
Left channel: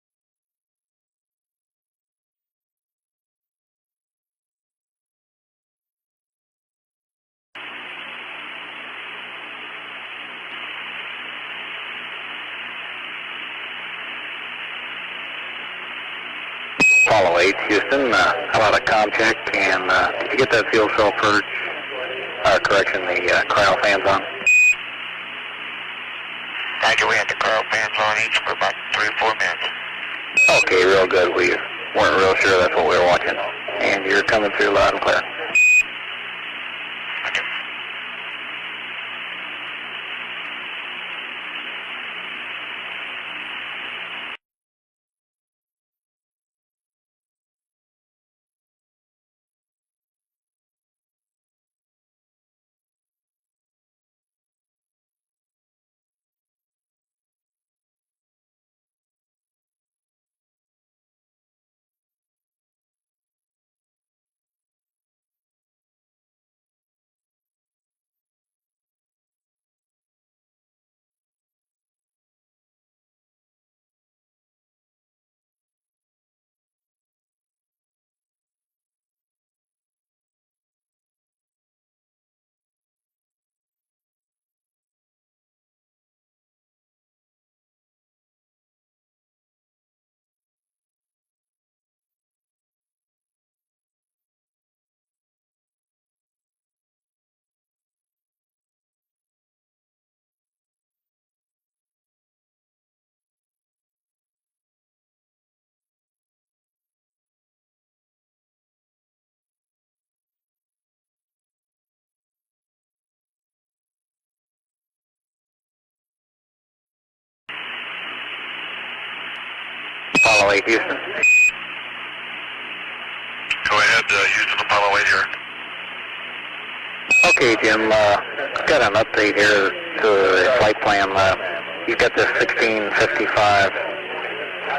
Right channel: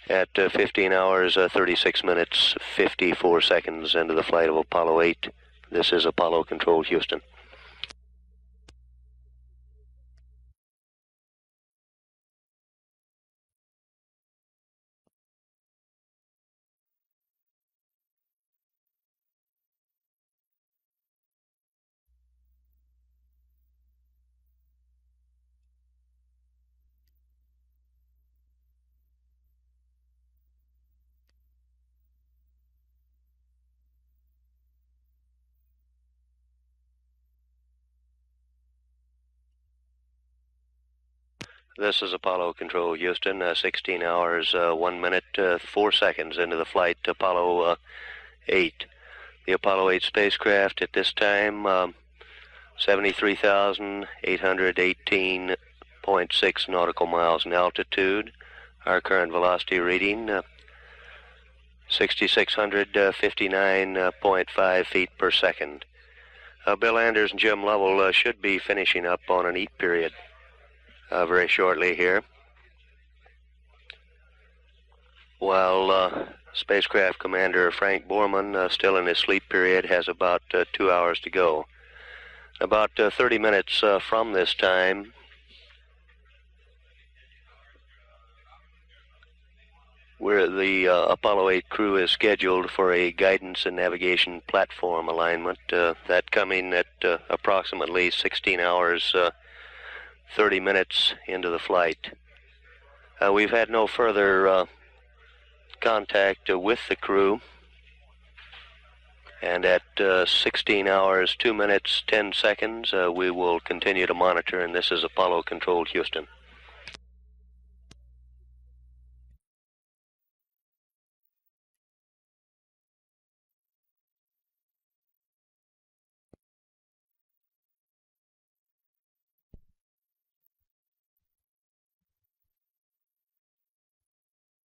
At 15 hours, 36 minutes, 54 seconds into the flight of Apollo 8, this is Apollo Control Houston. Apollo 8, Houston. How about a comm check? And did you get that fuel cell purge? Correction, the cryo fans on? Roger, we had the cryo fans on each for about 3 or 4 minutes. Okay, real good. We weren't real sure that's what we were watching. And you're coming through loud and clear. This is Apollo Control, Houston, 16 hours, 1 minute, 4 seconds into the flight, Apollo 8. The Apollo 8 spacecraft at this time, 73,818.6 nautical miles in altitude. Our current velocity reading, 6,659.5 feet per second. Bill Anders and Jim Lovell should be finishing up on an eat period very shortly here, while spacecraft commander Frank Borman, still in his sleep period, has about 2 hours to go. About 30 minutes from this time, where the Apollo 8 crew is scheduled for a guidance and navigation platform alignment, that coming at approximately 16 hours 30 minutes into the flight. We've had no further contact with the crew, and at 16 hours 2 minutes 10 seconds we will continue to monitor, and this is Apollo Control, Houston. Apollo 8, Houston. Go ahead, Houston, Apollo 8 here. Okay, Jim, got an update here to the flight plan. You've got this 1655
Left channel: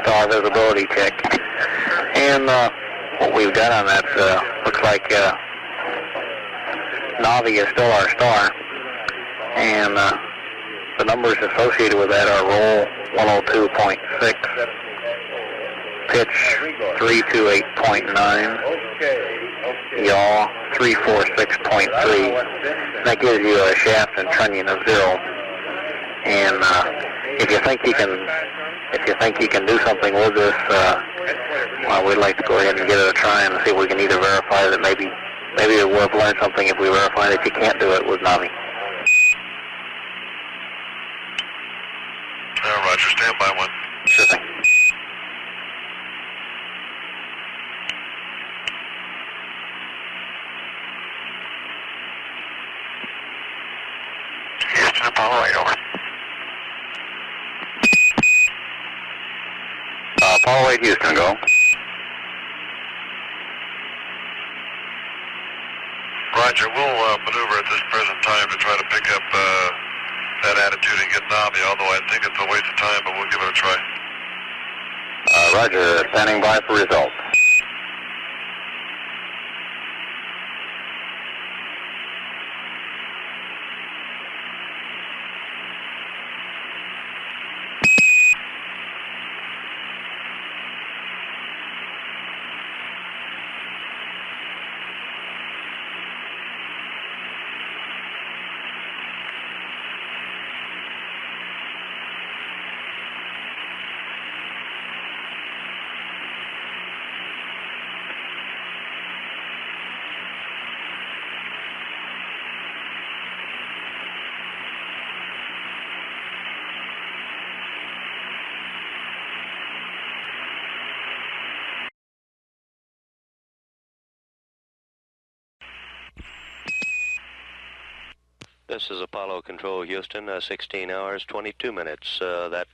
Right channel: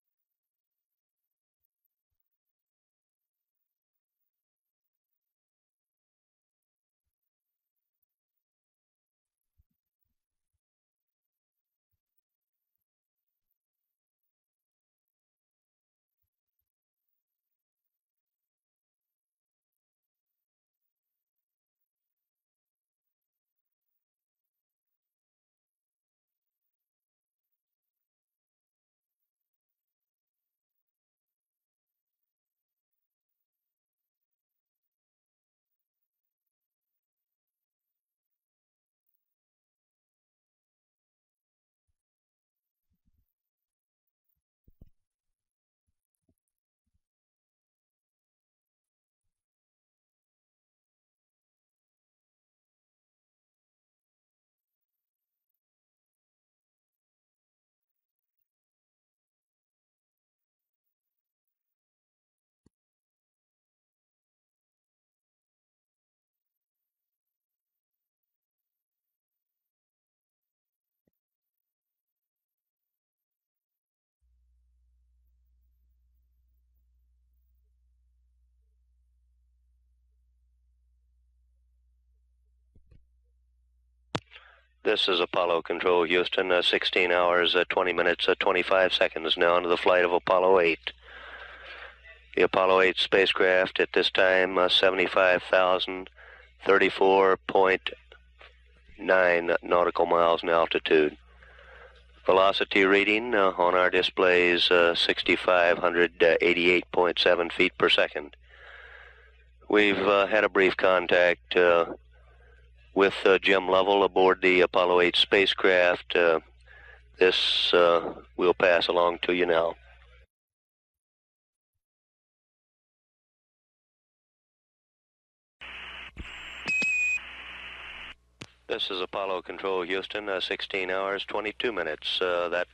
star visibility check. And what we've got on that looks like Navi is still our star. And the numbers associated with that are roll 102.6, pitch 328.9, yaw 346.3. That gives you a shaft and trunnion of 0. And if you think you can do something with this, well, we'd like to go ahead and give it a try and see if we can either verify that maybe we'll have learned something if we verify that you can't do it with Navi. Roger, stand by one. Sure thing. Houston, Apollo 8, over. Apollo 8, Houston, go. Roger, we'll maneuver at this present time to try to pick up that attitude and get Navi, although I think it's a waste of time, but we'll give it a try. Roger, standing by for results. This is Apollo Control, Houston, 16 hours, 20 minutes, 25 seconds now into the flight of Apollo 8. The Apollo 8 spacecraft at this time, 75,034.9 nautical miles in altitude. Velocity reading on our displays, 6,588.7 feet per second. We've had a brief contact with Jim Lovell aboard the Apollo 8 spacecraft. This we'll pass along to you now. This is Apollo Control, Houston, 16 hours, 22 minutes. That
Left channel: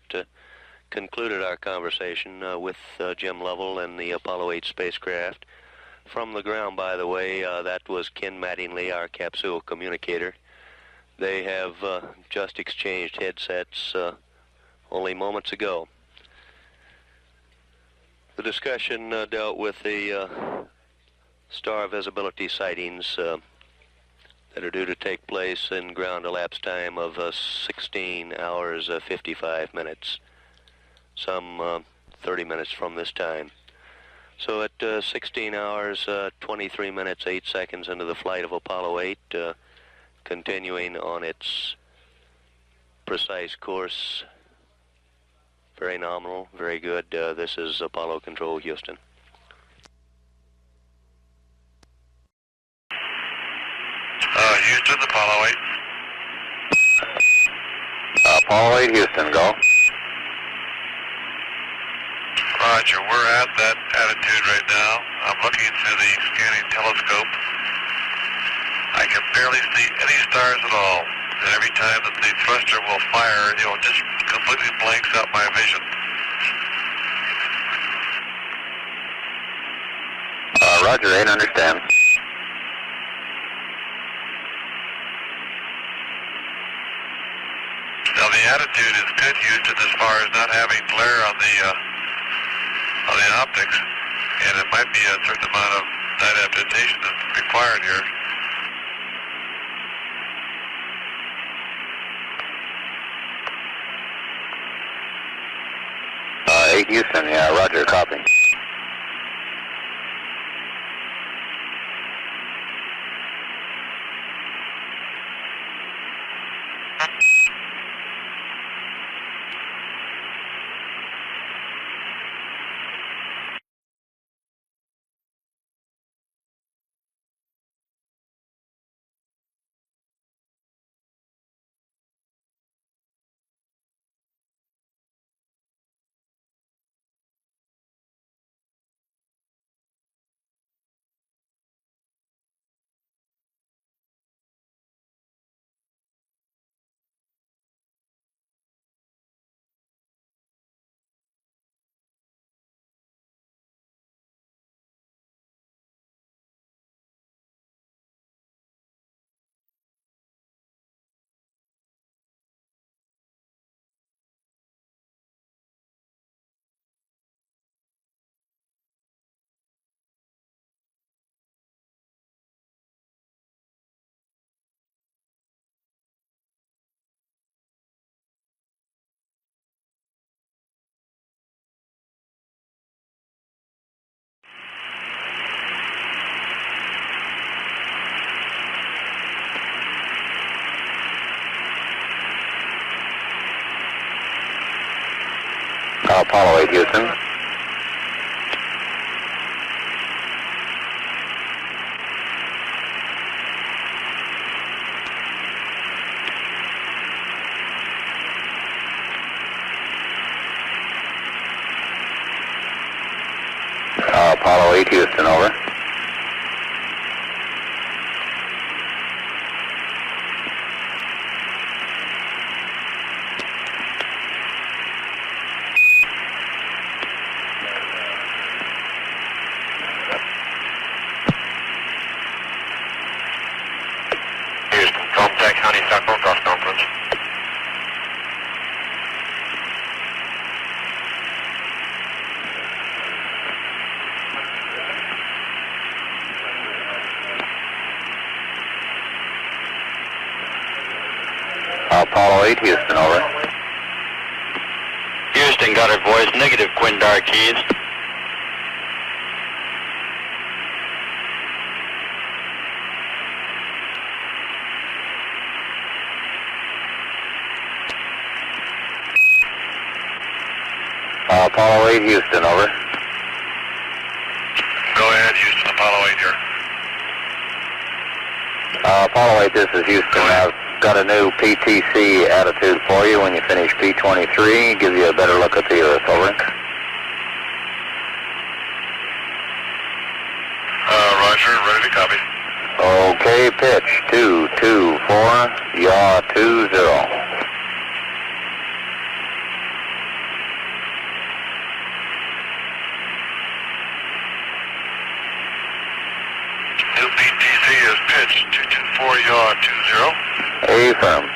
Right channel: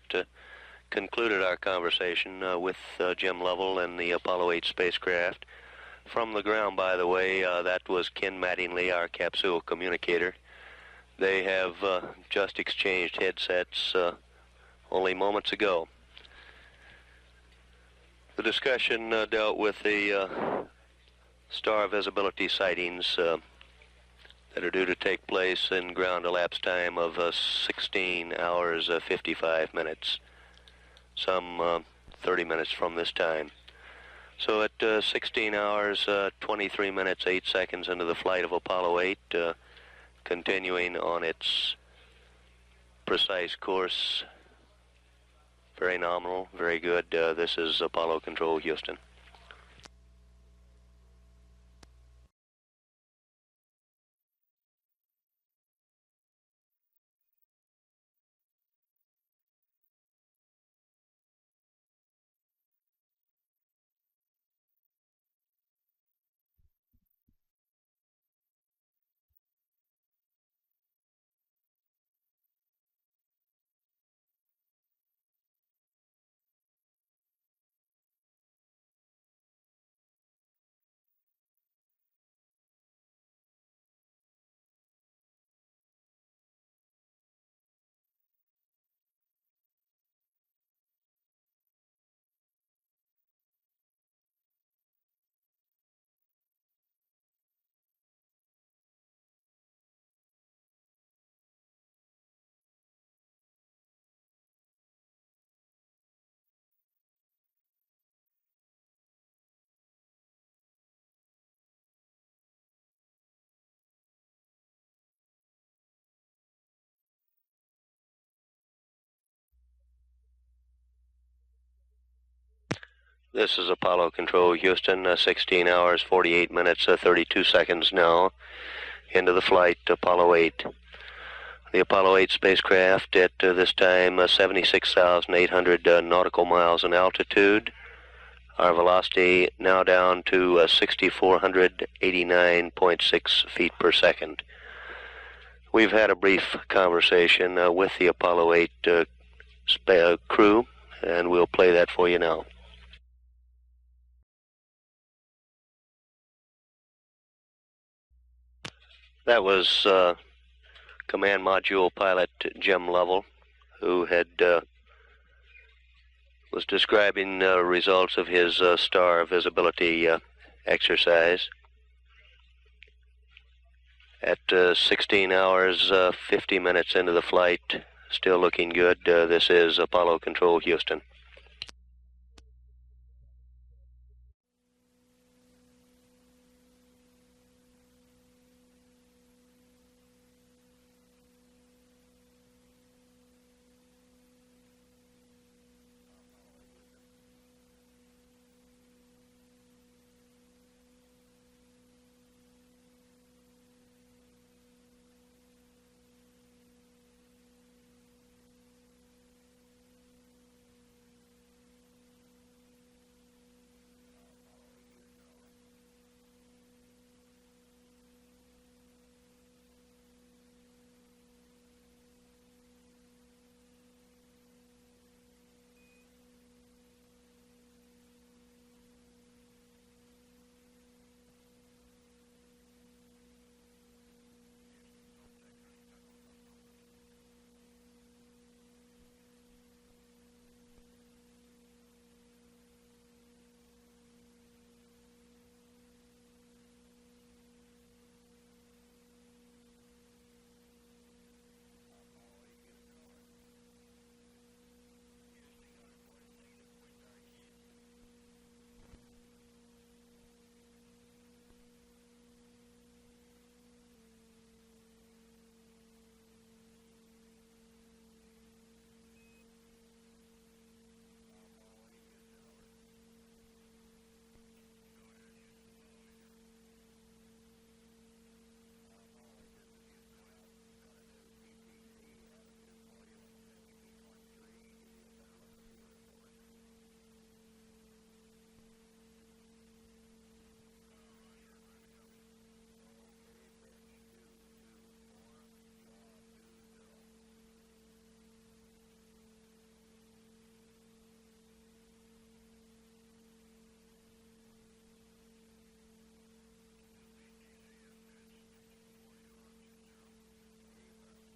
concluded our conversation with Jim Lovell and the Apollo 8 spacecraft. From the ground, by the way, that was Ken Mattingly, our capsule communicator. They have just exchanged headsets only moments ago. The discussion dealt with the star visibility sightings that are due to take place in ground elapsed time of 16 hours, 55 minutes, some 30 minutes from this time. So at 16 hours, 23 minutes, 8 seconds into the flight of Apollo 8, continuing on its precise course, very nominal, very good. This is Apollo Control, Houston. Houston, Apollo 8. Apollo 8, Houston, go. Roger, we're at that attitude right now. I'm looking through the scanning telescope. I can barely see any stars at all. And every time that the thruster will fire, just completely blanks out my vision. Roger, 8, understand. Now the attitude is good, Houston, as far as not having glare on the optics, and it might be a certain amount of night adaptation that's required here. Eight Houston, yeah, roger, copy. This is Apollo Control, Houston, 16 hours, 48 minutes, 32 seconds now into the flight, Apollo 8. The Apollo 8 spacecraft at this time 76,800 nautical miles in altitude. Our velocity now down to 6,489.6 feet per second. We've had a brief conversation with the Apollo 8 crew, and we'll play that for you now. That was Command Module Pilot Jim Lovell, who had was describing results of his star visibility exercise. At 16 hours, 50 minutes into the flight, still looking good. This is Apollo Control, Houston. Apollo 8, Houston. Apollo 8, Houston, over. Contact honeysuckle, cross conference. Apollo 8, Houston, over. Houston, got her voice, negative Quindar keys. Apollo 8, Houston, over. Go ahead, Houston, Apollo 8 here. Apollo 8, this is Houston. I've got a new PTC attitude for you when you finish P23. Give you a better look at the Earth, over. Roger, ready to copy. Okay, pitch, 224, yaw 20. New PTC is pitched, 224, yaw 20. Affirm.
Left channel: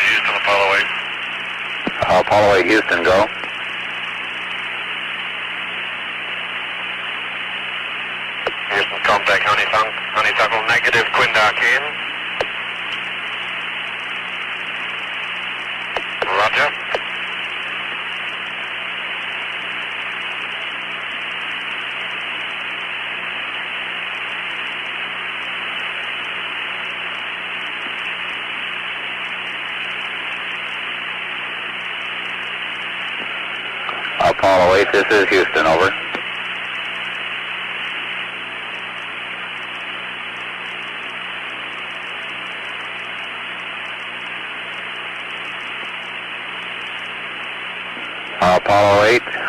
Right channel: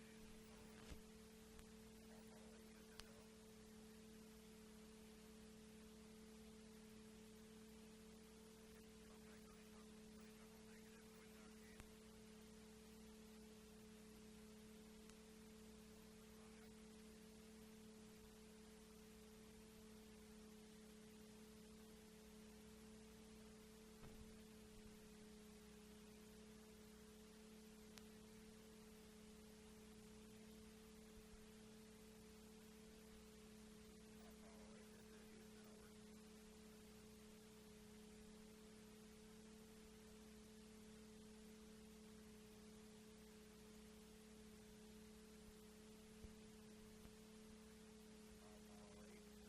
Houston, Apollo 8. Apollo 8, Houston, go. Houston, contact honeysuckle, negative Quindar keen. Roger. 8, this is Houston, over.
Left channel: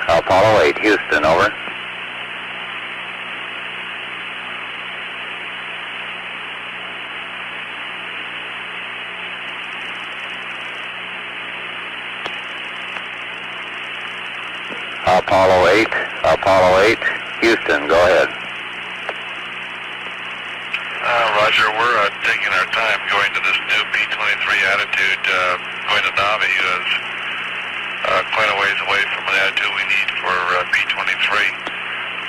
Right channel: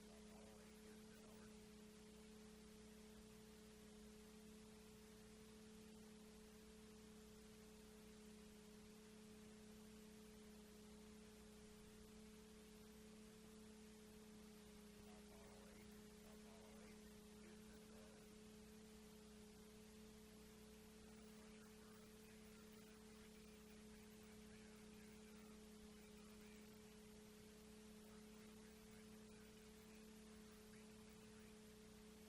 Apollo 8, Houston, over. Apollo 8, Houston, go ahead. Roger, we're taking our time going to this new P-23 attitude, going to Navi is quite a ways away from the attitude we need for P-23.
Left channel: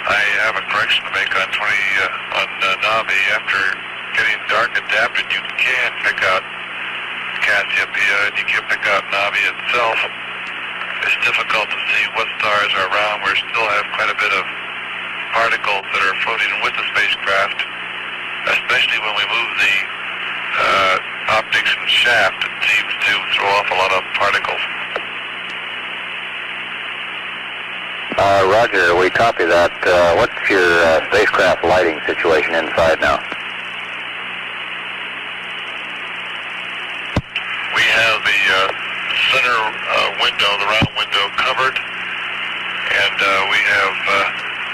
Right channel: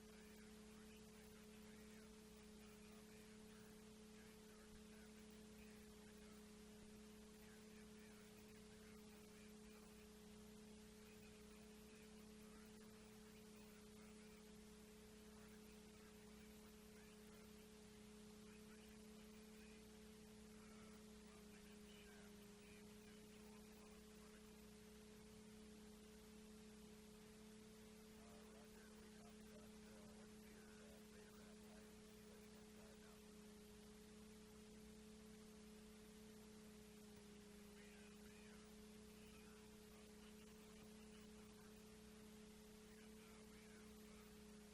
I have a correction to make on Navi. After getting dark adapted, you can pick out Cassiopeia and you can pick out Navi itself. It's difficult to see what stars are around. We still have quite a bit of particles that are floating with the spacecraft, especially when we move the optics and shaft. It seems to throw off a lot of particles. Roger, we copy that. What's your spacecraft lighting situation inside now? We have the center window, the round window, covered, and we have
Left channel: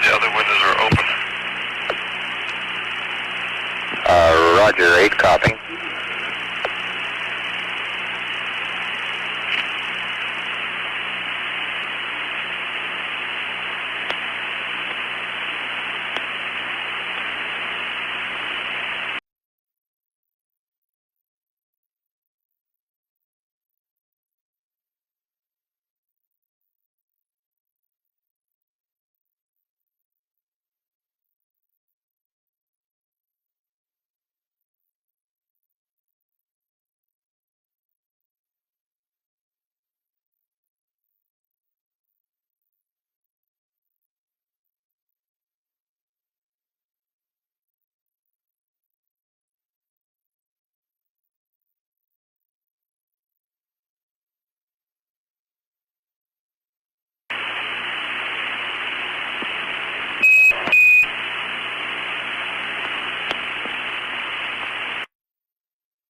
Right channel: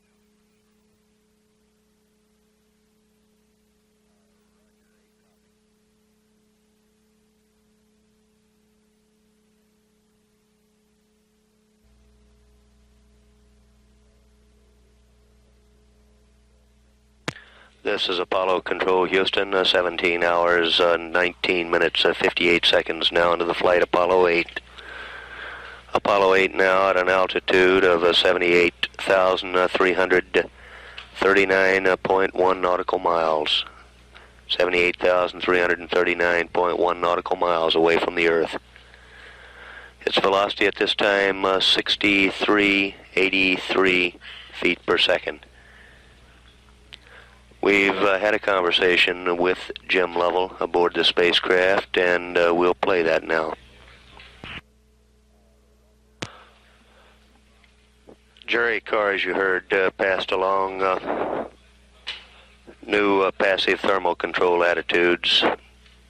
the other windows are open. Roger, 8, copy. This is Apollo Control, Houston, 17 hours, 19 minutes, 58 seconds now into the flight, Apollo 8. Apollo 8 now at an altitude of 78,339.1 nautical miles. 78,339.1 nautical miles away from the Earth. Its velocity at this time, 6383 feet per second. We've had a conversation with Jim Lovell aboard the spacecraft, and we'll play that now. Jury car, as you heard, passed along new passive thermal control attitudes.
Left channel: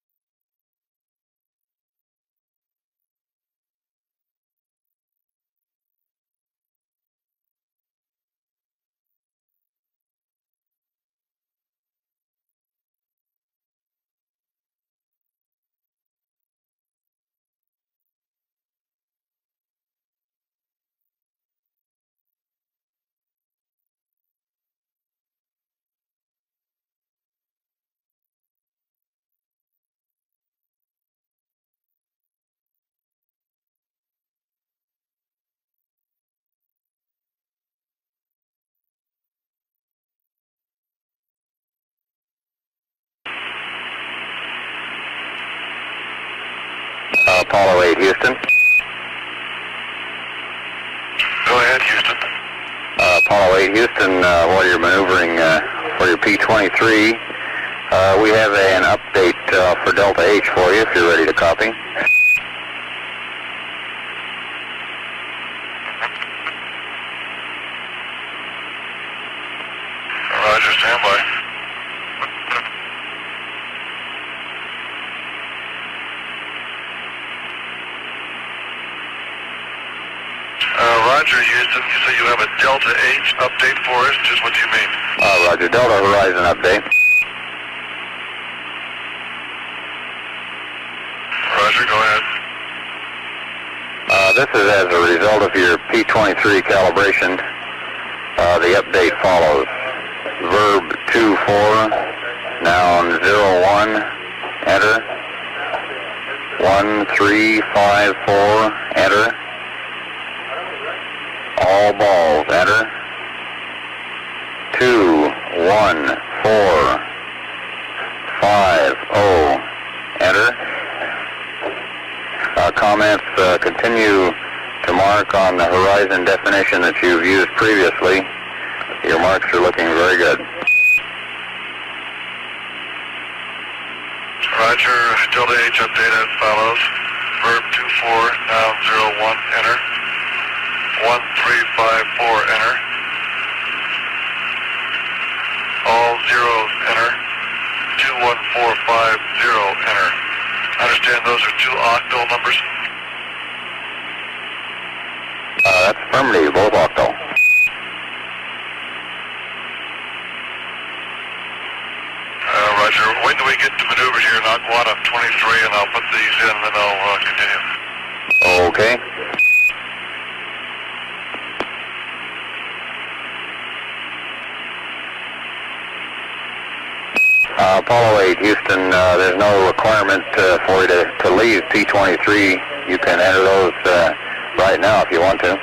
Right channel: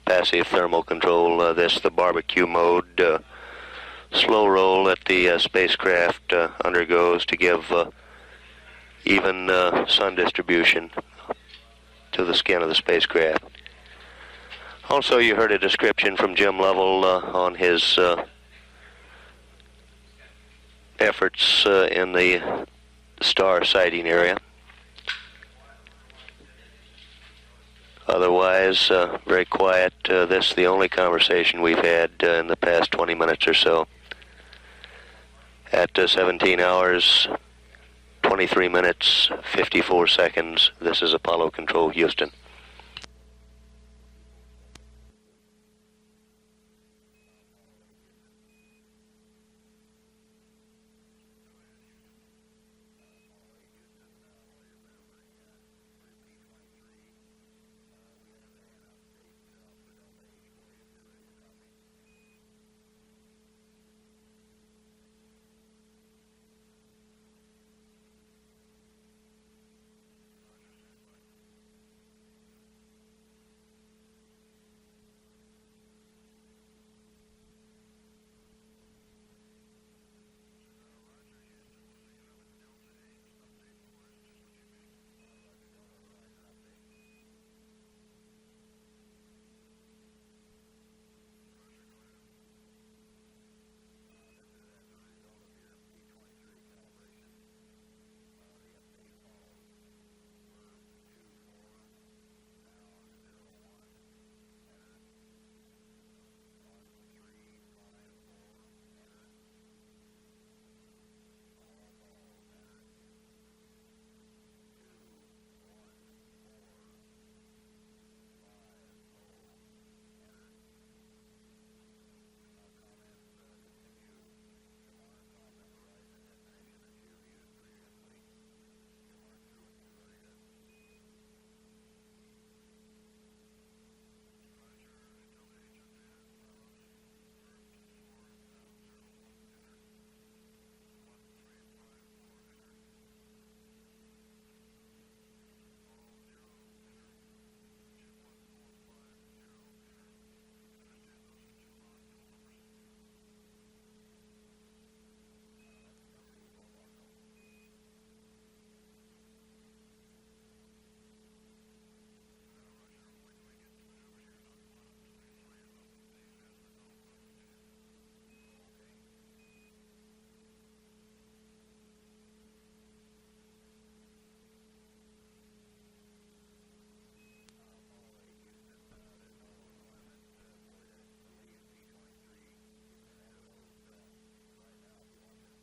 Passive thermal control, this the barbecue mode. Slow roll that the spacecraft undergoes to give even sun distribution to the skin of the spacecraft. Also, you heard a description from Jim Lovell on his efforts in the star sighting area. Otherwise, very quiet. This is the only conversation we've had in the past 20 minutes or so. At 17 hours, 23 minutes, 54 seconds, this is Apollo Control, Houston. Apollo 8, Houston. Go ahead, Houston. Apollo 8, Houston, while you're maneuvering for your P-23, we have an update for Delta H for you if you're ready to copy. Roger, standby. Roger, Houston, you say you have a Delta H update for us. Just what do you mean? Roger, Delta Horizon update. Roger, go ahead. This is as a result of your P-23 calibration. The update follows. Verb 2-4, noun 0-1, enter. 1-3-5-4, enter. All balls, enter. 2-1-4-5-0, enter. Comments continue to mark on the horizon definition that you've used previously. Your marks are looking very good. Roger, Delta H update as follows. Verb 2-4, noun 0-1, enter. 1354, enter. All zeros, enter. 21450, enter. I understand those are two octal numbers? That's affirmative, both octal. Roger. Wait till we get to maneuvers here, knock one up 23, and I'll put these in, and then I'll continue. Okay. Apollo 8, Houston, there's no requirement for you to leave P-23. You can enter those right now if you want to.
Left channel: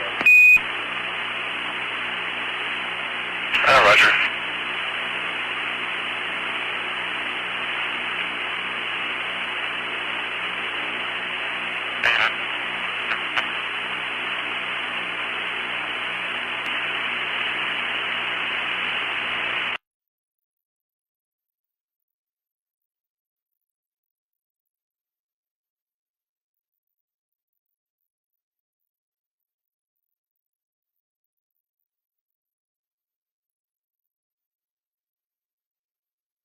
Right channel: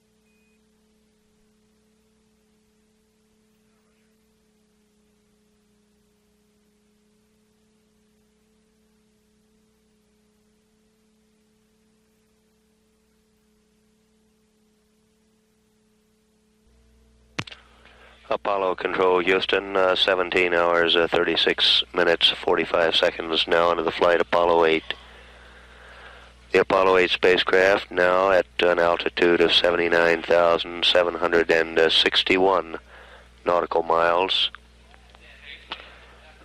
Roger. Apollo Control, Houston, 17 hours, 36 minutes, 45 seconds now into the flight, Apollo 8. The Apollo 8 spacecraft now at an altitude of 79,761 nautical miles.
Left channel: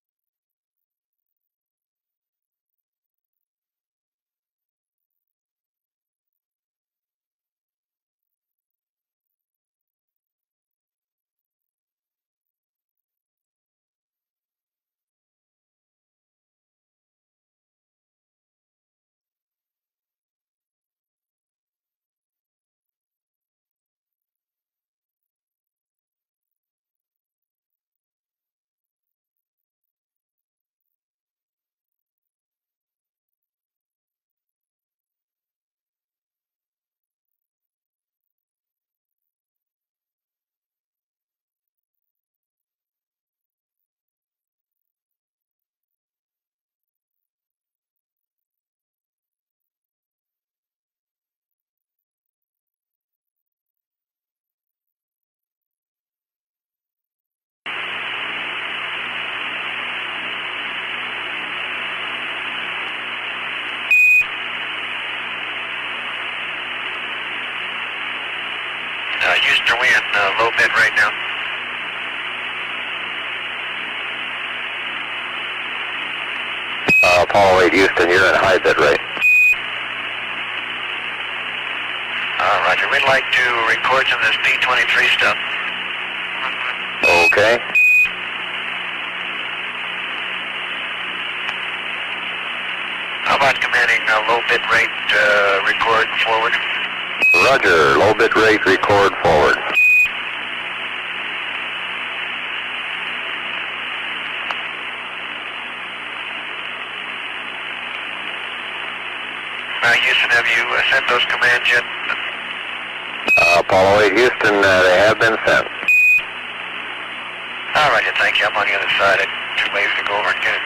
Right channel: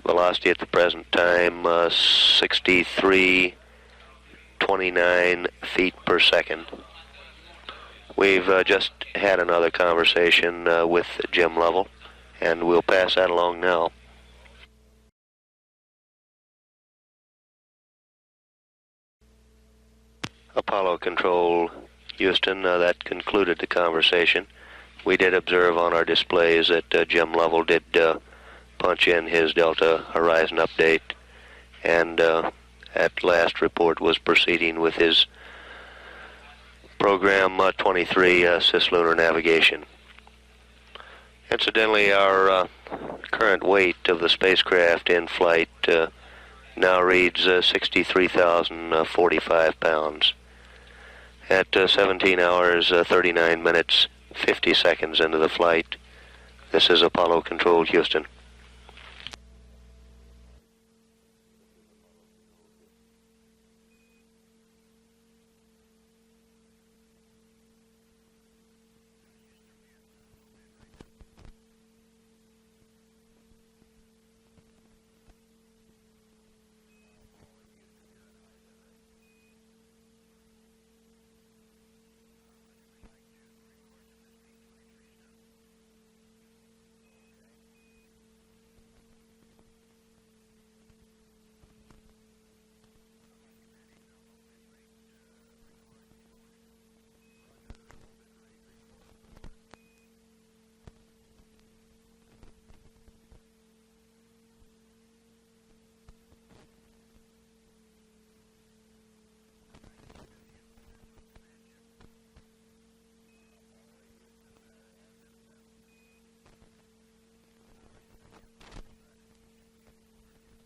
Velocity at the present time, 63.29 feet per second. We've just had another conversation with Jim Lovell, and we'll pass that along now. Apollo Control, Houston, that concluded the conversation. We did observe on our displays that Jim Lovell did punch in his Delta Horizon update, and at last report was proceeding with his Program 23 cislunar navigation. Incidentally, our current weight of the spacecraft in flight now reads 63,045 pounds. At 17 hours, 39 minutes, 50 seconds into the flight, this is Apollo Control, Houston. Houston, are we in low bid right now? Apollo 8, Houston, you're in high bid rate. Roger. We'd like to record some of this P-23 stuff. Okay. How about commanding low bit rate record forward? Roger, low bit rate record forward. Houston, have you sent those commands yet? Apollo 8, Houston, they have been sent. All right, thank you. I'm on the other side. I'm too lazy to go over and get it.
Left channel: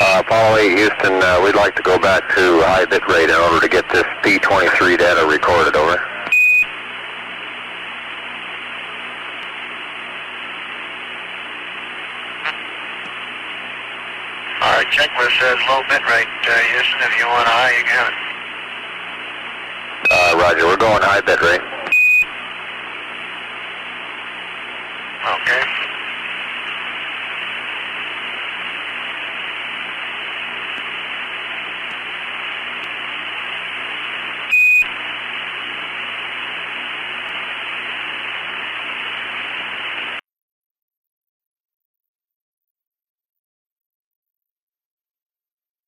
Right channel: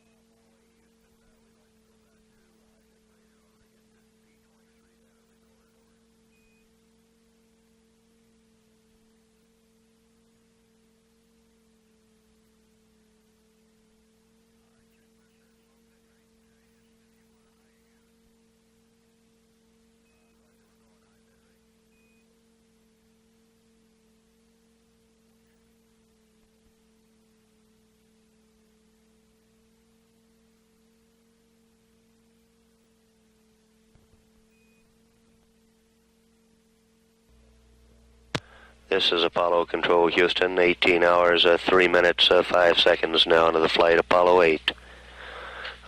Apollo 8, Houston, we'd like to go back to high bit rate in order to get this P-23 data recorded, over. All right, checklist says low bit rate, Houston. If you want high, you can have it. Roger, we're going high bit rate. Okay. This is Apollo Control, Houston, 18 hours, 3 minutes, 5 seconds now into the flight, Apollo 8.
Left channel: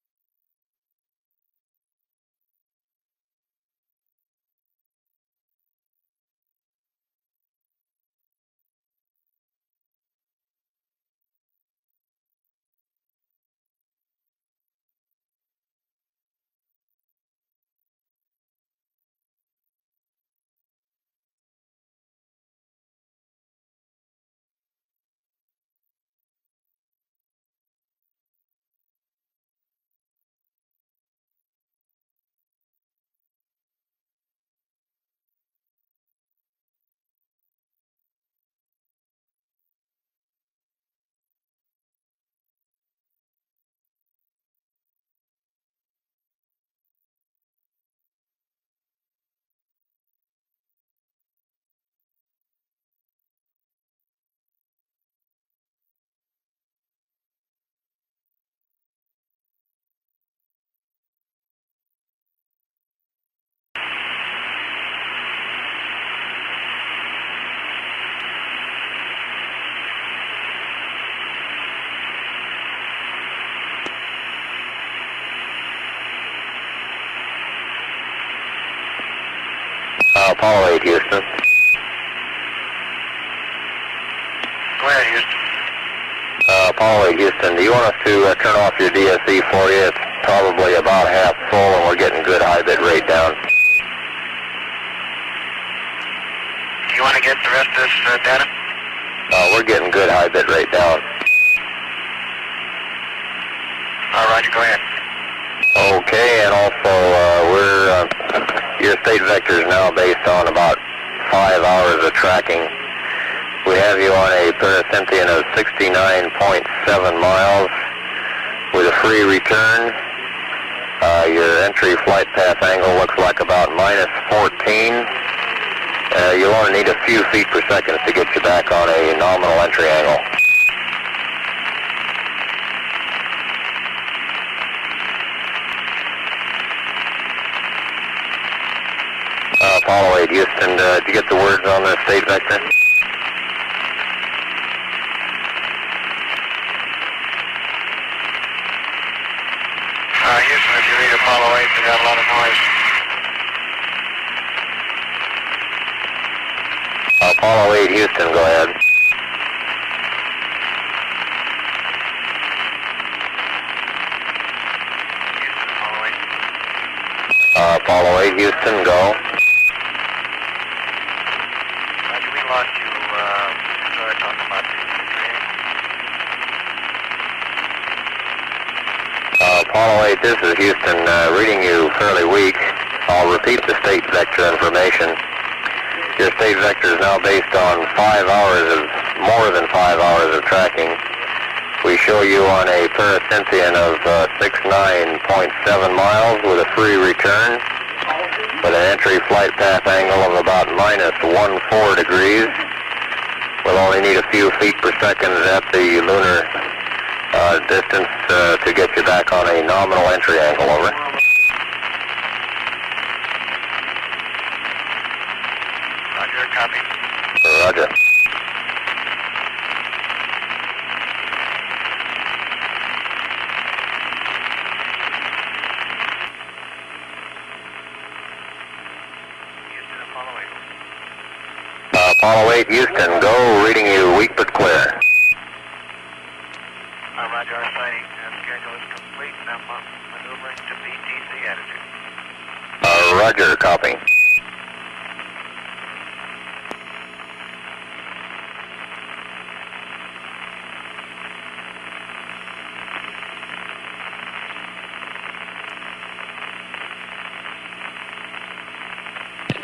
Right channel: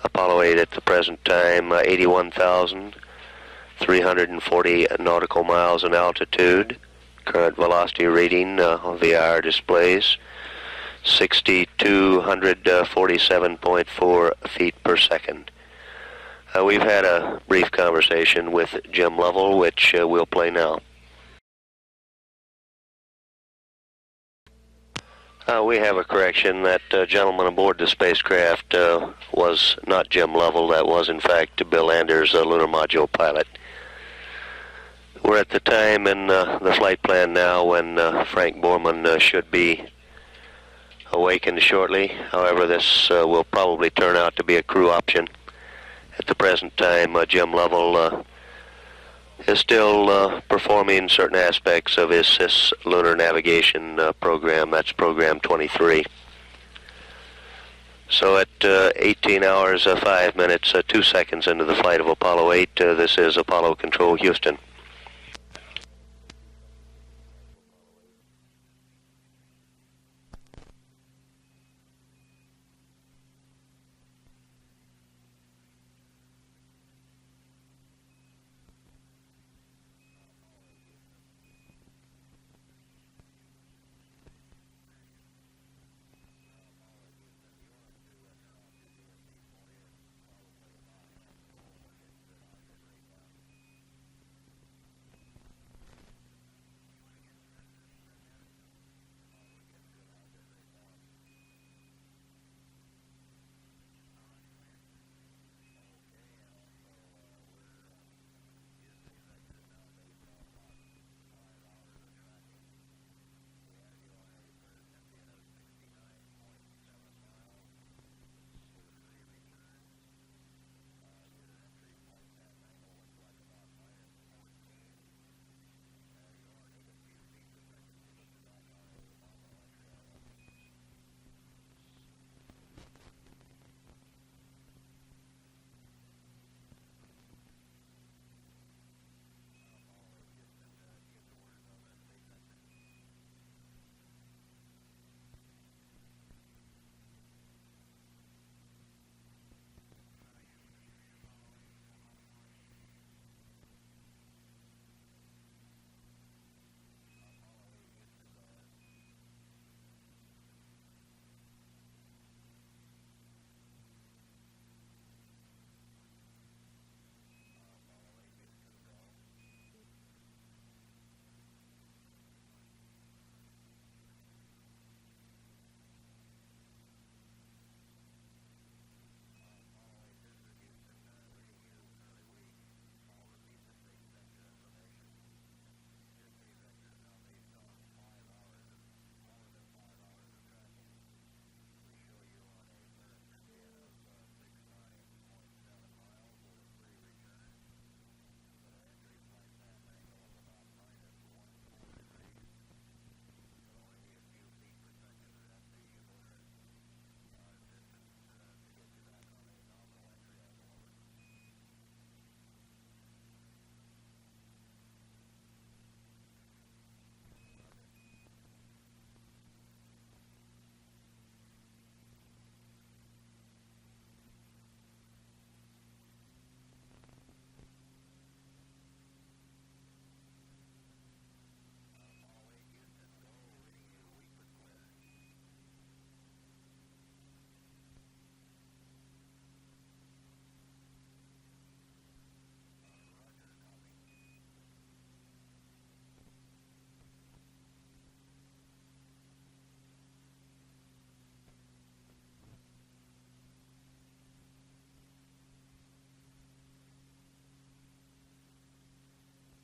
Apollo 8 at the present time, 81,340 nautical miles in altitude. Current velocity reading via our displays, 6,247.4 feet per second. We've had a brief conversation with Jim Lovell, which we'll play now. We have a correction. That gentleman aboard the spacecraft was not Jim Lovell. That was, in fact, Bill Anders, a lunar module pilot. We're at the time in the flight plan now when Frank Borman should be awakened shortly. However, this will probably turn out to be a crew option. At the present time, Jim Lovell is still performing certain aspects of his CIS lunar navigation program. That's program 23. So at 18 hours, 5 minutes, 2 seconds into the flight of Apollo 8, this is Apollo Control Houston. Apollo 8, Houston. Go ahead, Houston. Apollo 8, Houston, do you want us to turn off your DSE for you? It's probably about half full and we're getting good high bit rate down. Do you want to get the rest of this data? We're getting good high bit rate down. All right, go ahead. Okay, and also your state vector is now based on about 5 hours of tracking. We have you on a pericynthian of 69.7 miles with a free return. Your entry flight path angle looks like about minus 14. You'll only need a few feet per second to get you back on a nominal entry angle. Apollo 8, Houston, did you get the words on the state vector? Houston, if you read Apollo 8, you got a lot of noise. Apollo 8, Houston, go ahead. Apollo 8, Houston, go. Roger, we lost you. Started talking about the training. Apollo 8, this is Houston, reading you fairly weak. I'll repeat the state vector information. Your state vector is now based on more than 5 hours of tracking. We show you on a pericynthian of 69.7 miles with a free return, with an entry flight path angle of about minus 14 degrees. We'll only need a few feet per second at the lunar distance to get you back on a nominal entry angle, over. Roger, copy. Roger. Houston, Apollo 8. Apollo 8, Houston, go, reading you weak but clear. Roger, our sighting schedule is complete and I'm maneuvering to BTC attitude. Roger, copy.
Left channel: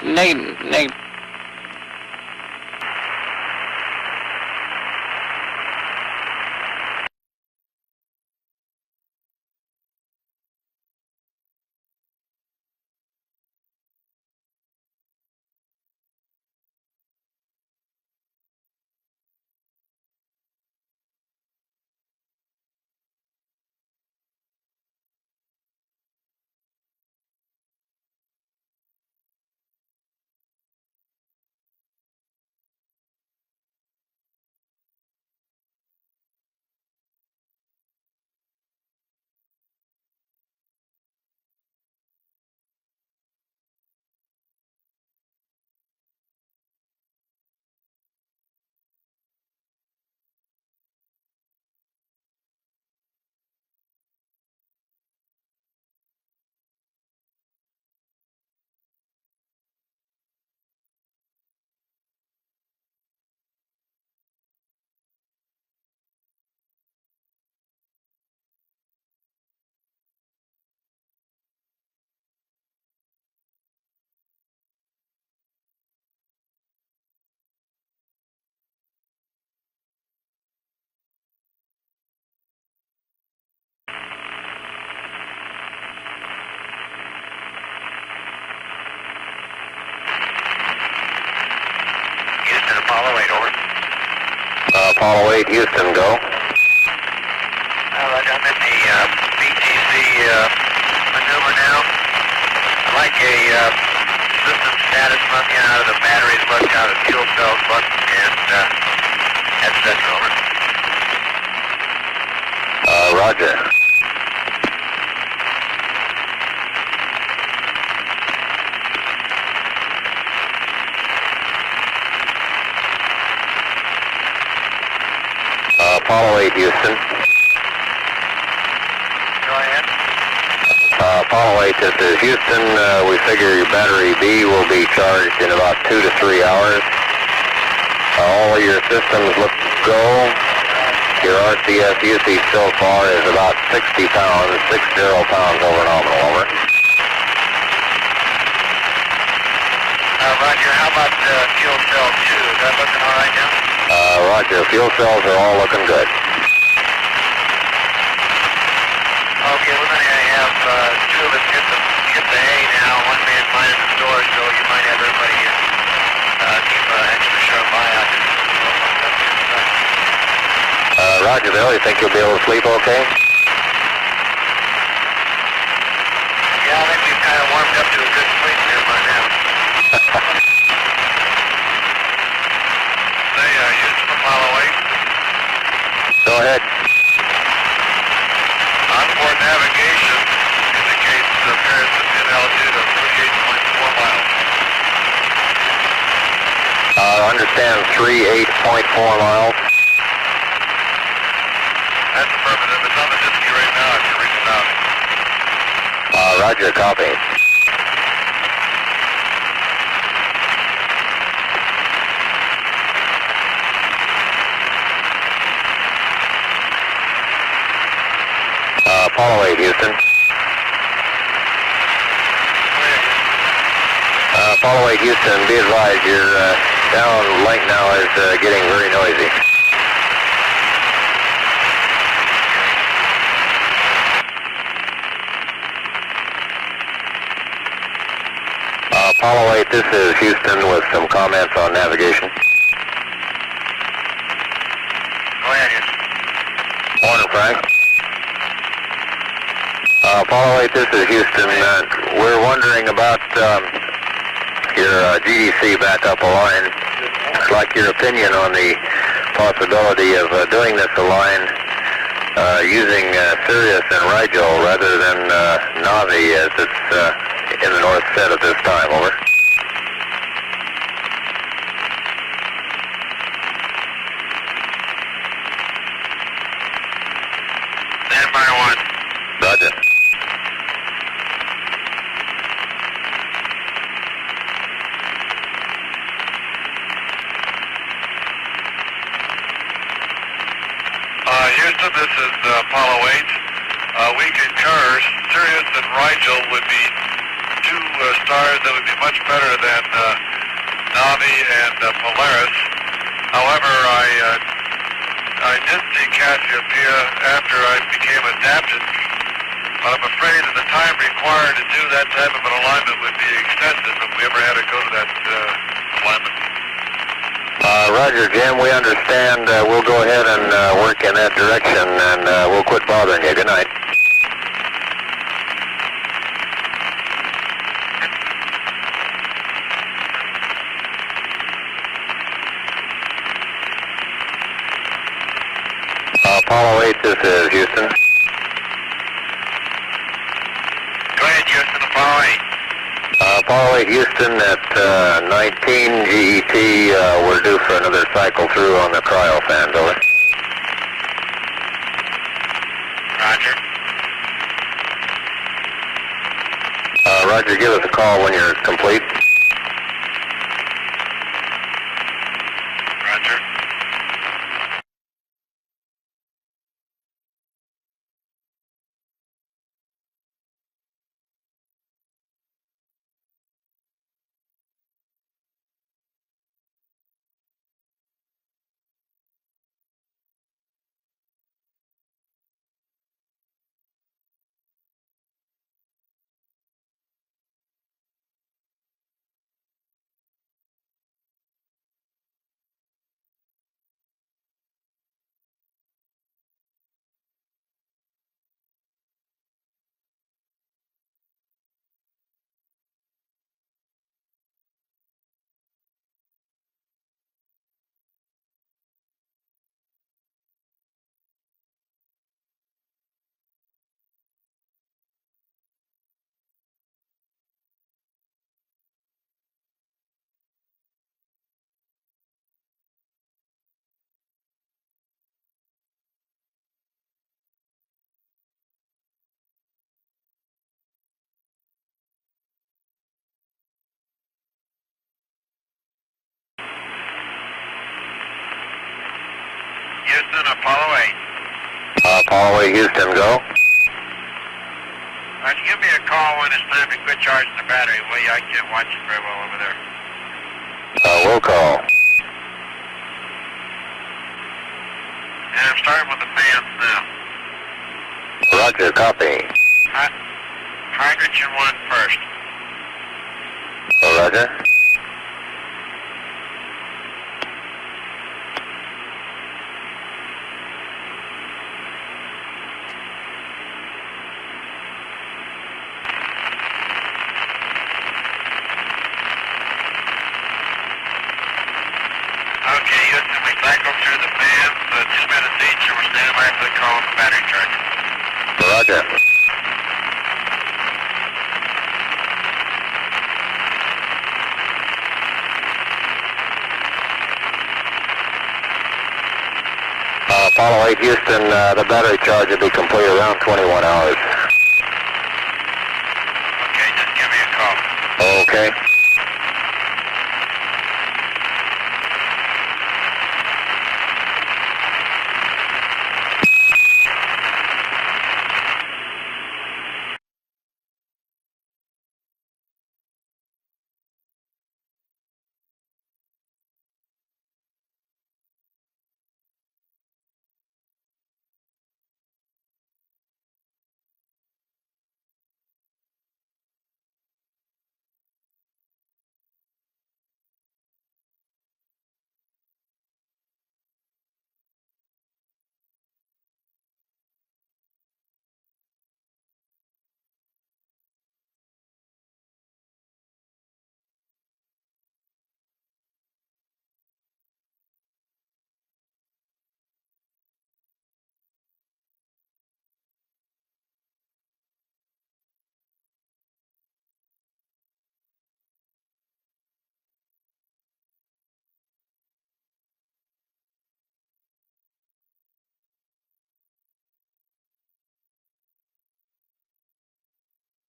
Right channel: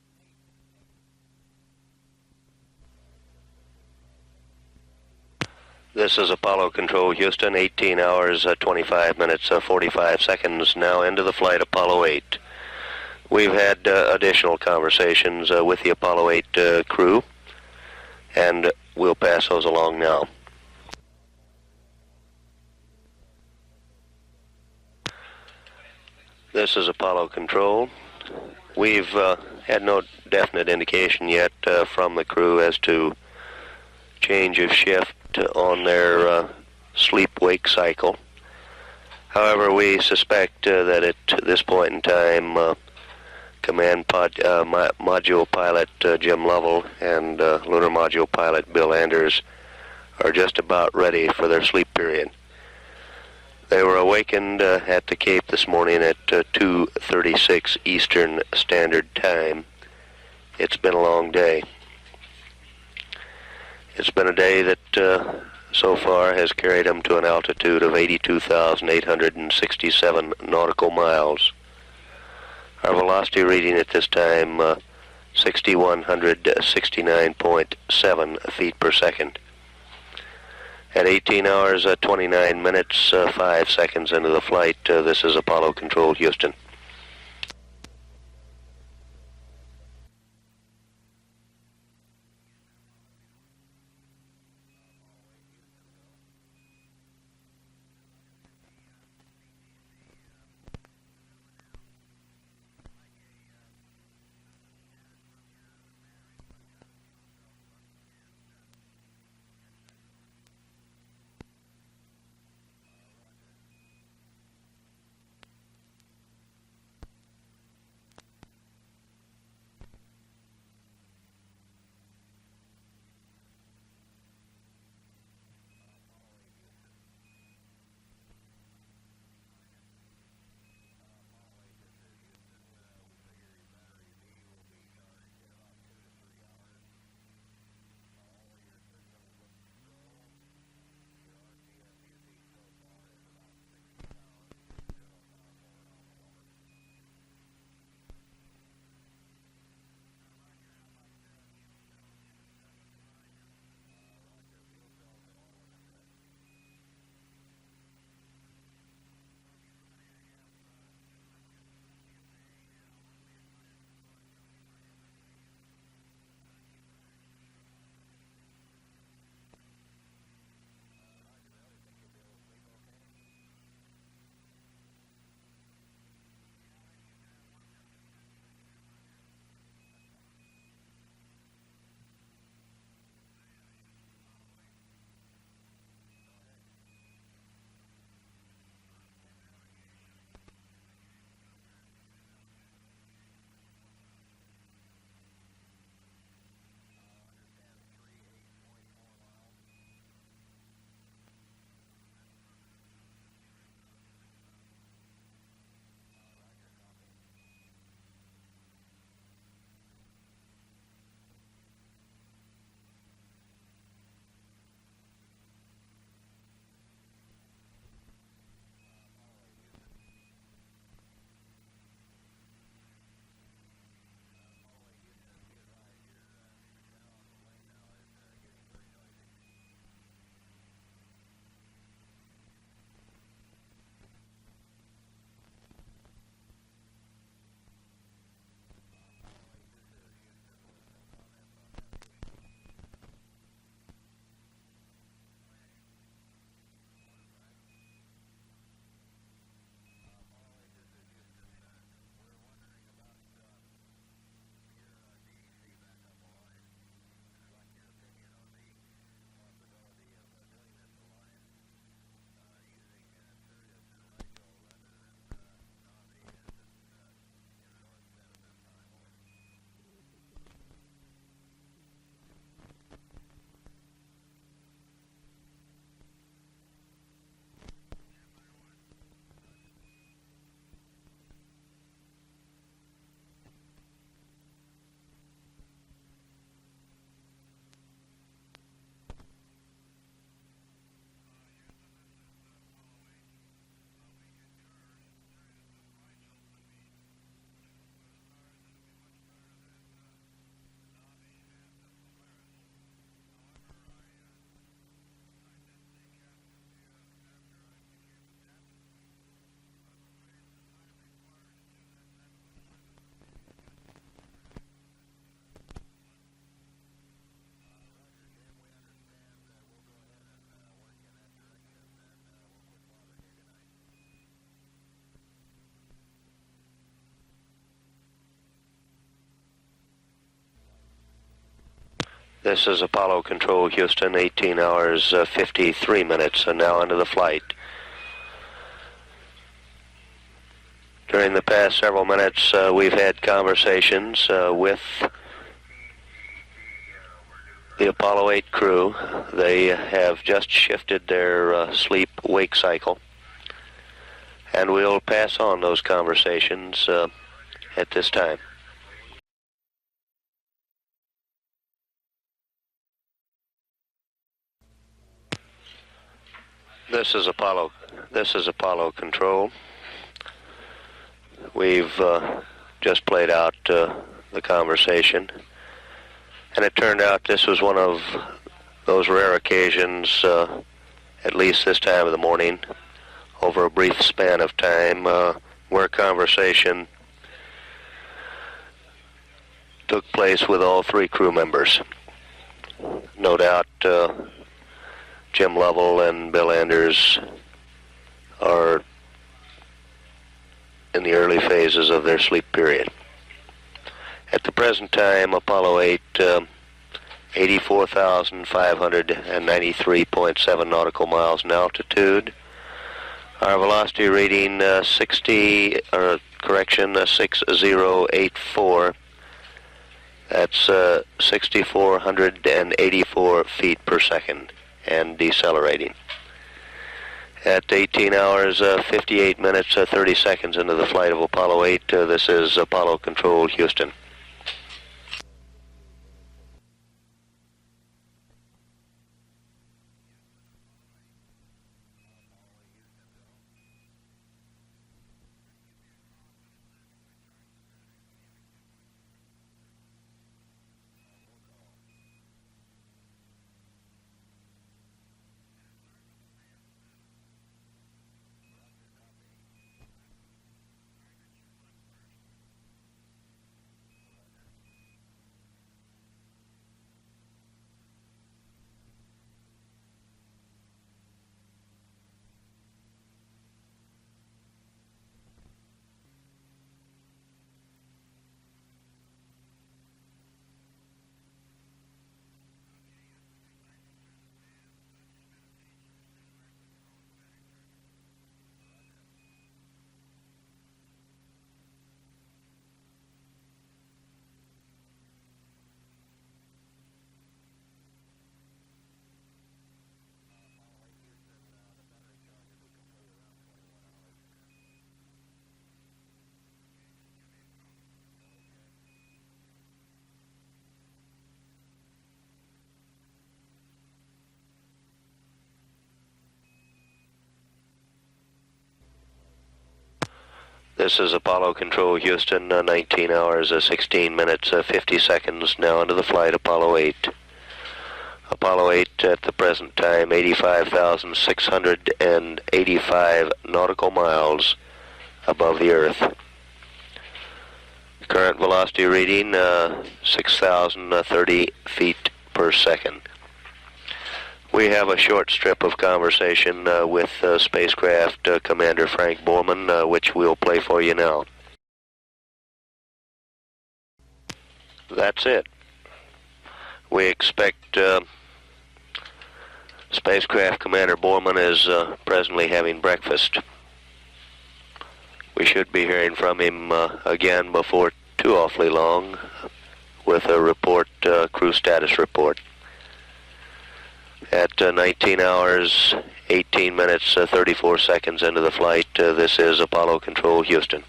Negative. This is Apollo Control Houston, 18 hours, 25 minutes, 45 seconds now into the flight Apollo 8. We've had additional conversations with the Apollo 8 crew, and we'll pass those along now. This is Apollo Control. We've had no definite indication yet from the crew as to change of shift on their sleep-wake cycle. However, we suspect that at this point in time, Command Module Pilot Jim Lovell and Lunar Module Pilot Bill Anders are just about ready for their sleep period. They were awakened at the Cape this morning at 2:36 Eastern Standard Time. It's been a long day. It's been a day that so far has carried them to an altitude of 82,867 nautical miles. Our velocity reading at this time, 6,169.7 feet per second. At 18 hours, 29 minutes, 5 seconds into the flight, this is Apollo Control, Houston. Houston, Apollo 8, over. Apollo 8, Houston, go. Roger, I'm in the BTC maneuver now. I'd like a system status from you out of the batteries, look out of fuel cells, look, and headsets, over. Roger. Apollo 8, Houston. Go ahead. Apollo 8, this is Houston. We figure your battery B will be charged in about 2 to 3 hours. All of your systems look go. Your RCS usage so far is about 60 pounds, 60 pounds over nominal, over. Roger, how about fuel cell 2? Is that looking all right now? Roger, fuel cells are all looking good. Okay, we're going to have 2 of us hit the hay now. One man minding the door, so you might have everybody keep an extra sharp eye out. Roger, Bill, you think you'll be able to sleep okay? Yeah, I think we've kind of warmed up to a good sleep here by now. Say, Houston, Apollo 8. Go ahead. Onboard navigation indicates appearance of in altitude of 38.4 miles. Understand 38.4 miles. That's affirmative. It's on the disky right now if you're reaching out. Roger, copy. Apollo 8, Houston. Apollo 8, Houston, be advised your downlink now is getting very noisy. Apollo 8, this is Houston with some comments on navigation. Go ahead, Houston. Morning, Frank. Apollo 8, this is Houston. We're wondering about your GDC backup line. I'd like your opinion on the possibility of doing this line using Sirius and Rigel rather than Navi as it's in the north set at this time, over. Stand by 1. Roger. Houston, this is Apollo 8. We concur. Sirius and Rigel would be 2 stars that would be much better than Navi and Polaris. However, I did see Cassiopeia after I became adapted, but I'm afraid that the time required to do that type of an alignment would be extensive if we ever had to go to that alignment. Roger, Jim, we understand. We'll go ahead and work in that direction, and we'll quit bothering you. Good night. This is Apollo Control, Houston, 18 hours, 53 minutes. Apollo 8, this is Houston. During the past several minutes, we've had Apollo 8, conversations Houston, at 19 GET, we're due for another cycle through on the cryo fan. They have just shifted their sleep-wake cycle. Roger. And we'll pass on those conversations. Roger, give us a call when you're complete. Roger. This is Apollo Control. We've just played out the conversation, and it turned out this was one of those rare occasions at least this time of the morning, over a brief span of time, where conversation took place with all three crew members. No doubt Jim Lovell and Bill Anders are in the early phases of their sleep period. At the present time, Apollo 8, 84,593.7 nautical miles in altitude. Our velocity reading 6084. That's 6,484 feet per second and decelerating. At 18 hours, 58 minutes, 30 seconds into the flight of Apollo 8, this is Apollo Control, Houston. Houston, Apollo 8. Apollo 8, Houston, go. All right, give me a call when it's time to quit charging the battery, will you? I can't watch it very well over there. We'll call. And I'm starting with the fans now. Roger, copy. Hydrogen 1 first. Roger. Okay, Houston, we cycled through the fans, 2 minutes each, and we're standing by for the call on the battery charger. Roger. Apollo 8, Houston, the battery charge will be complete around 21 hours. Okay, just give me a call. Okay. This is Apollo Control, Houston, 19 hours, 16 minutes, 50 seconds now into the flight, Apollo 8. Apollo 8 at the present time, 85,685 nautical miles above the Earth. Current velocity reading, 6,030 feet per second. We have a short strip of conversation with spacecraft Commander Frank Borman, which we'll play for you now. That's it. We expect Spacecraft Commander Borman is presently having breakfast. We should be hearing from him again before too awfully long with a report, crew status report. At 19 hours, 18 minutes, 34 seconds into the flight, this is Apollo Control, Houston.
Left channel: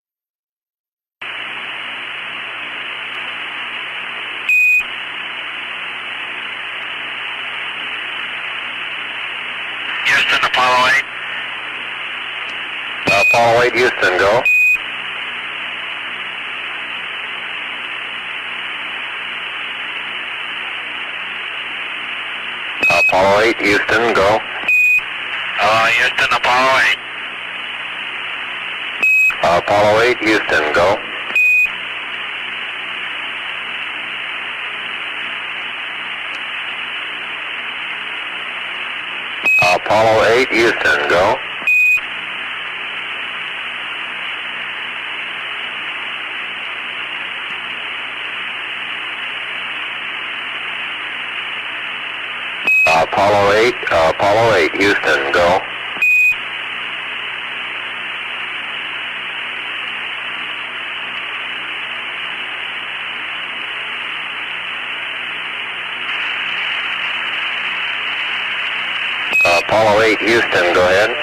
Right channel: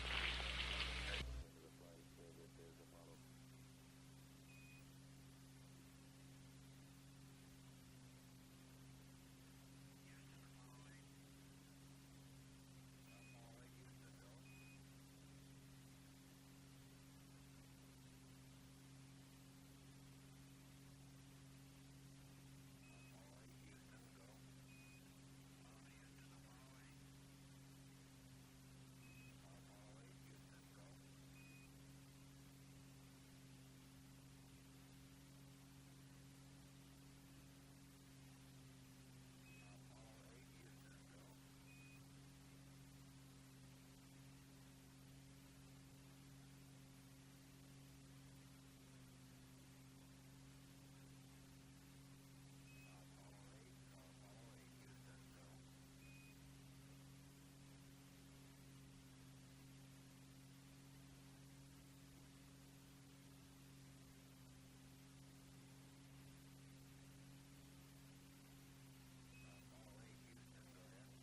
Houston, Apollo 8. Apollo 8, Houston, go. Apollo 8, Houston, go. Houston, Apollo 8. Apollo 8, Houston, go. Apollo 8, Houston, go. Apollo 8, Houston, go. Apollo 8, Houston, go ahead.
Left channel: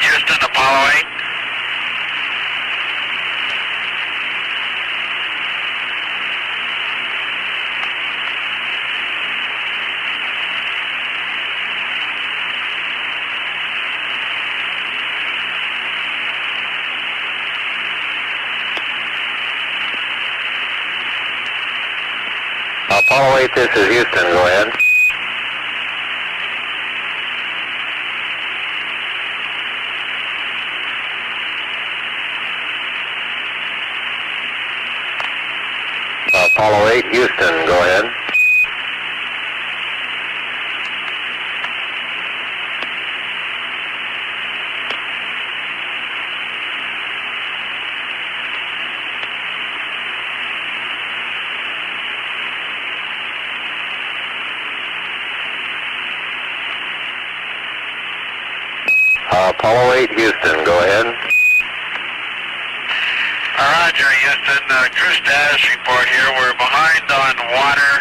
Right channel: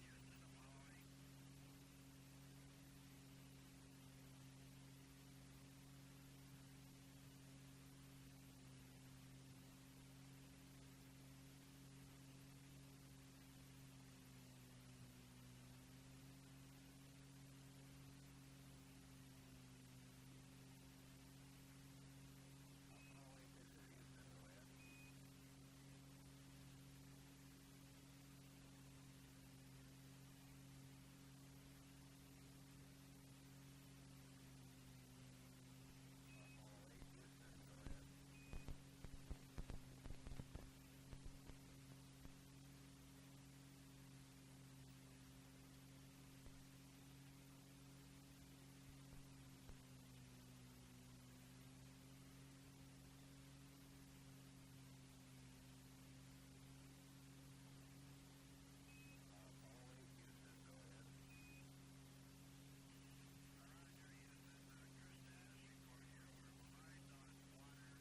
Houston, Apollo 8. Apollo 8, this is Houston. Go ahead. Apollo 8, Houston. Go ahead. Apollo 8, Houston, go ahead. Roger, Houston. Crew status report here. We're behind on water,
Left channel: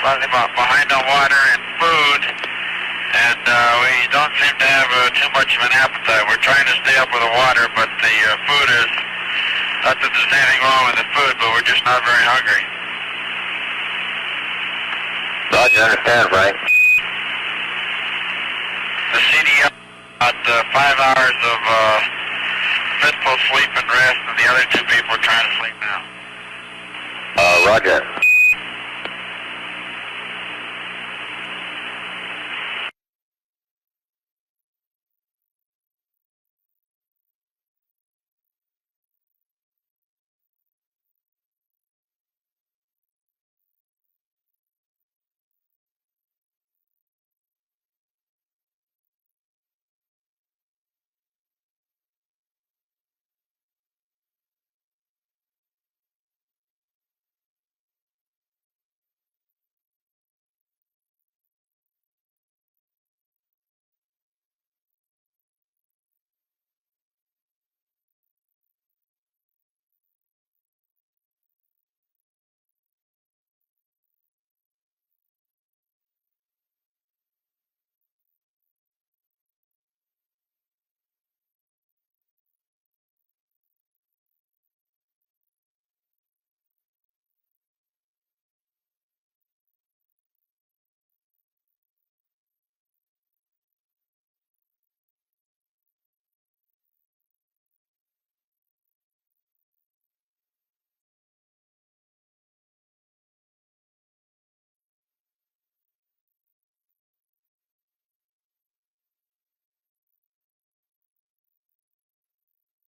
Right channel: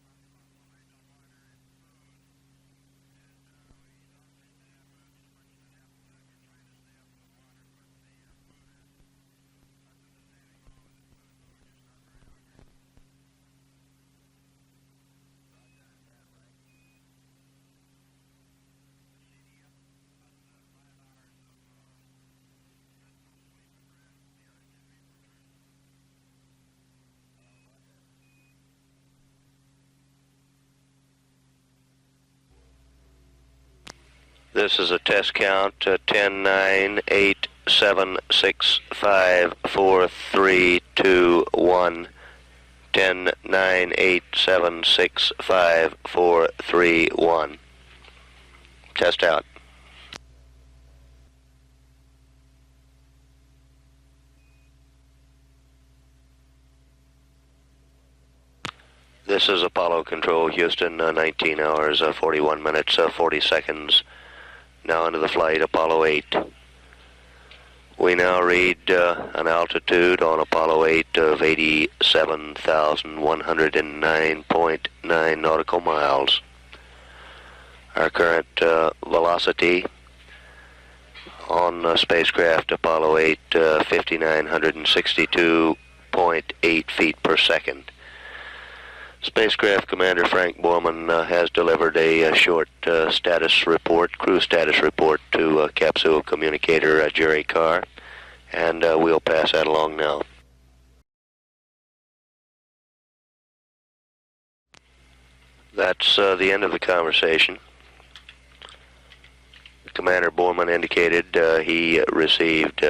slightly behind on water and food, and we don't seem to have too much of an appetite. We're trying to stay up with the water, but the food is, not that there's anything wrong with the food, but we're just not very hungry. Roger, understand, Frank. The CDL about 5 hours of fitful sleep and rest, and the other two people are trying to sleep now. Roger. This is a test count, 10, 9, 8, 7, 6, 5, 4, 3, 2, 1. 10, 9, 8, 7, 6, 5, 4, 3, 1. Test out. This is Apollo Control, Houston, 19 hours, 41 minutes, 40 seconds. Now into the flight, Apollo 8. We now read an altitude on Apollo 8 of 87,109.9 nautical miles. Our current velocity on spacecraft Apollo 8, 5,962.8 feet per second. Spacecraft Commander Frank Borman has delivered a short status report, crew status report to capsule communicator Jerry Carr, and we'll pass that along now. That's the end of the conversation. Commander Borman indicated he received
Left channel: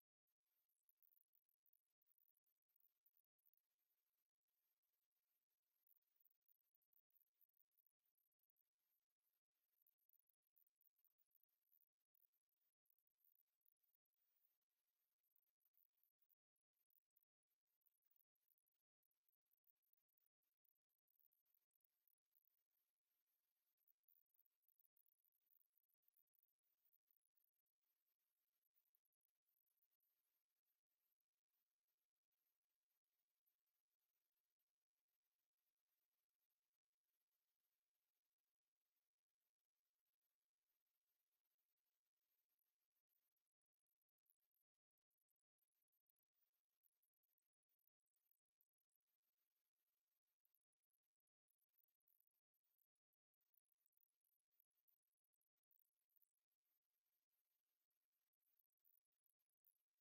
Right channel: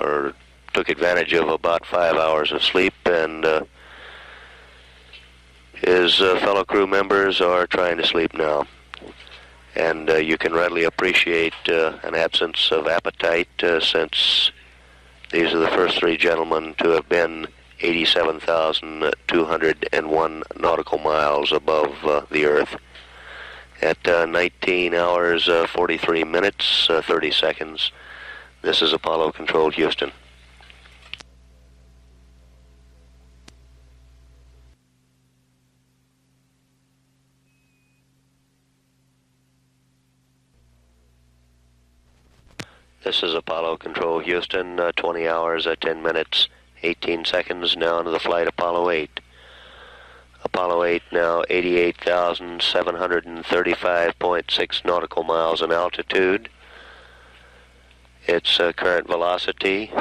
or took advantage of about 5 hours of sleep, and his fellow crew members are trying to sleep now. And you can readily appreciate an absence of appetite since these are the first three gentlemen to have been 87,201 nautical miles above the Earth. At 19 hours, 43 minutes, 30 seconds, this is Apollo Control, Houston. This is Apollo Control, Houston, 20 hours, 10 minutes, 18 seconds, now into the flight Apollo 8. Apollo 8 now 88,735.6 nautical miles in altitude. Its current velocity,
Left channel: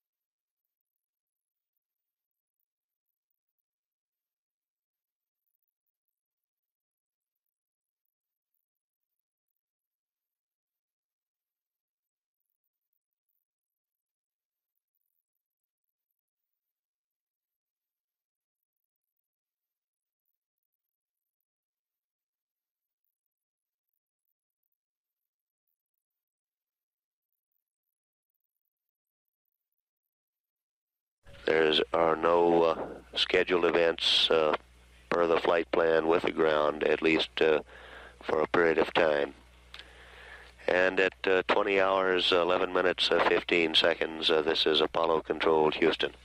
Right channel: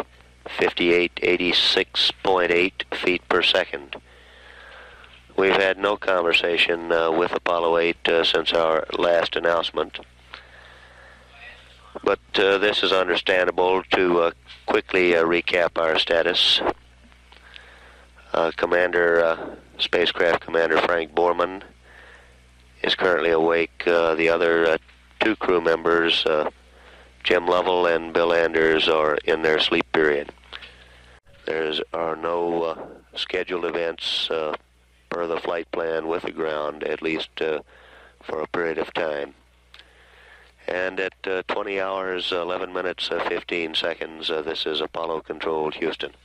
5886.8 feet per second. We've had no conversation with Apollo 8 since our last announcement. But this is understandable to quickly recap our status. Spacecraft Commander Frank Borman is currently awake. The other two crew members, Jim Lovell and Bill Anders, are in their sleep period. There are no scheduled events per the flight plan with the ground, at least for a period of time. And at 20 hours, 11 minutes, 15 seconds, this is Apollo Control, Houston.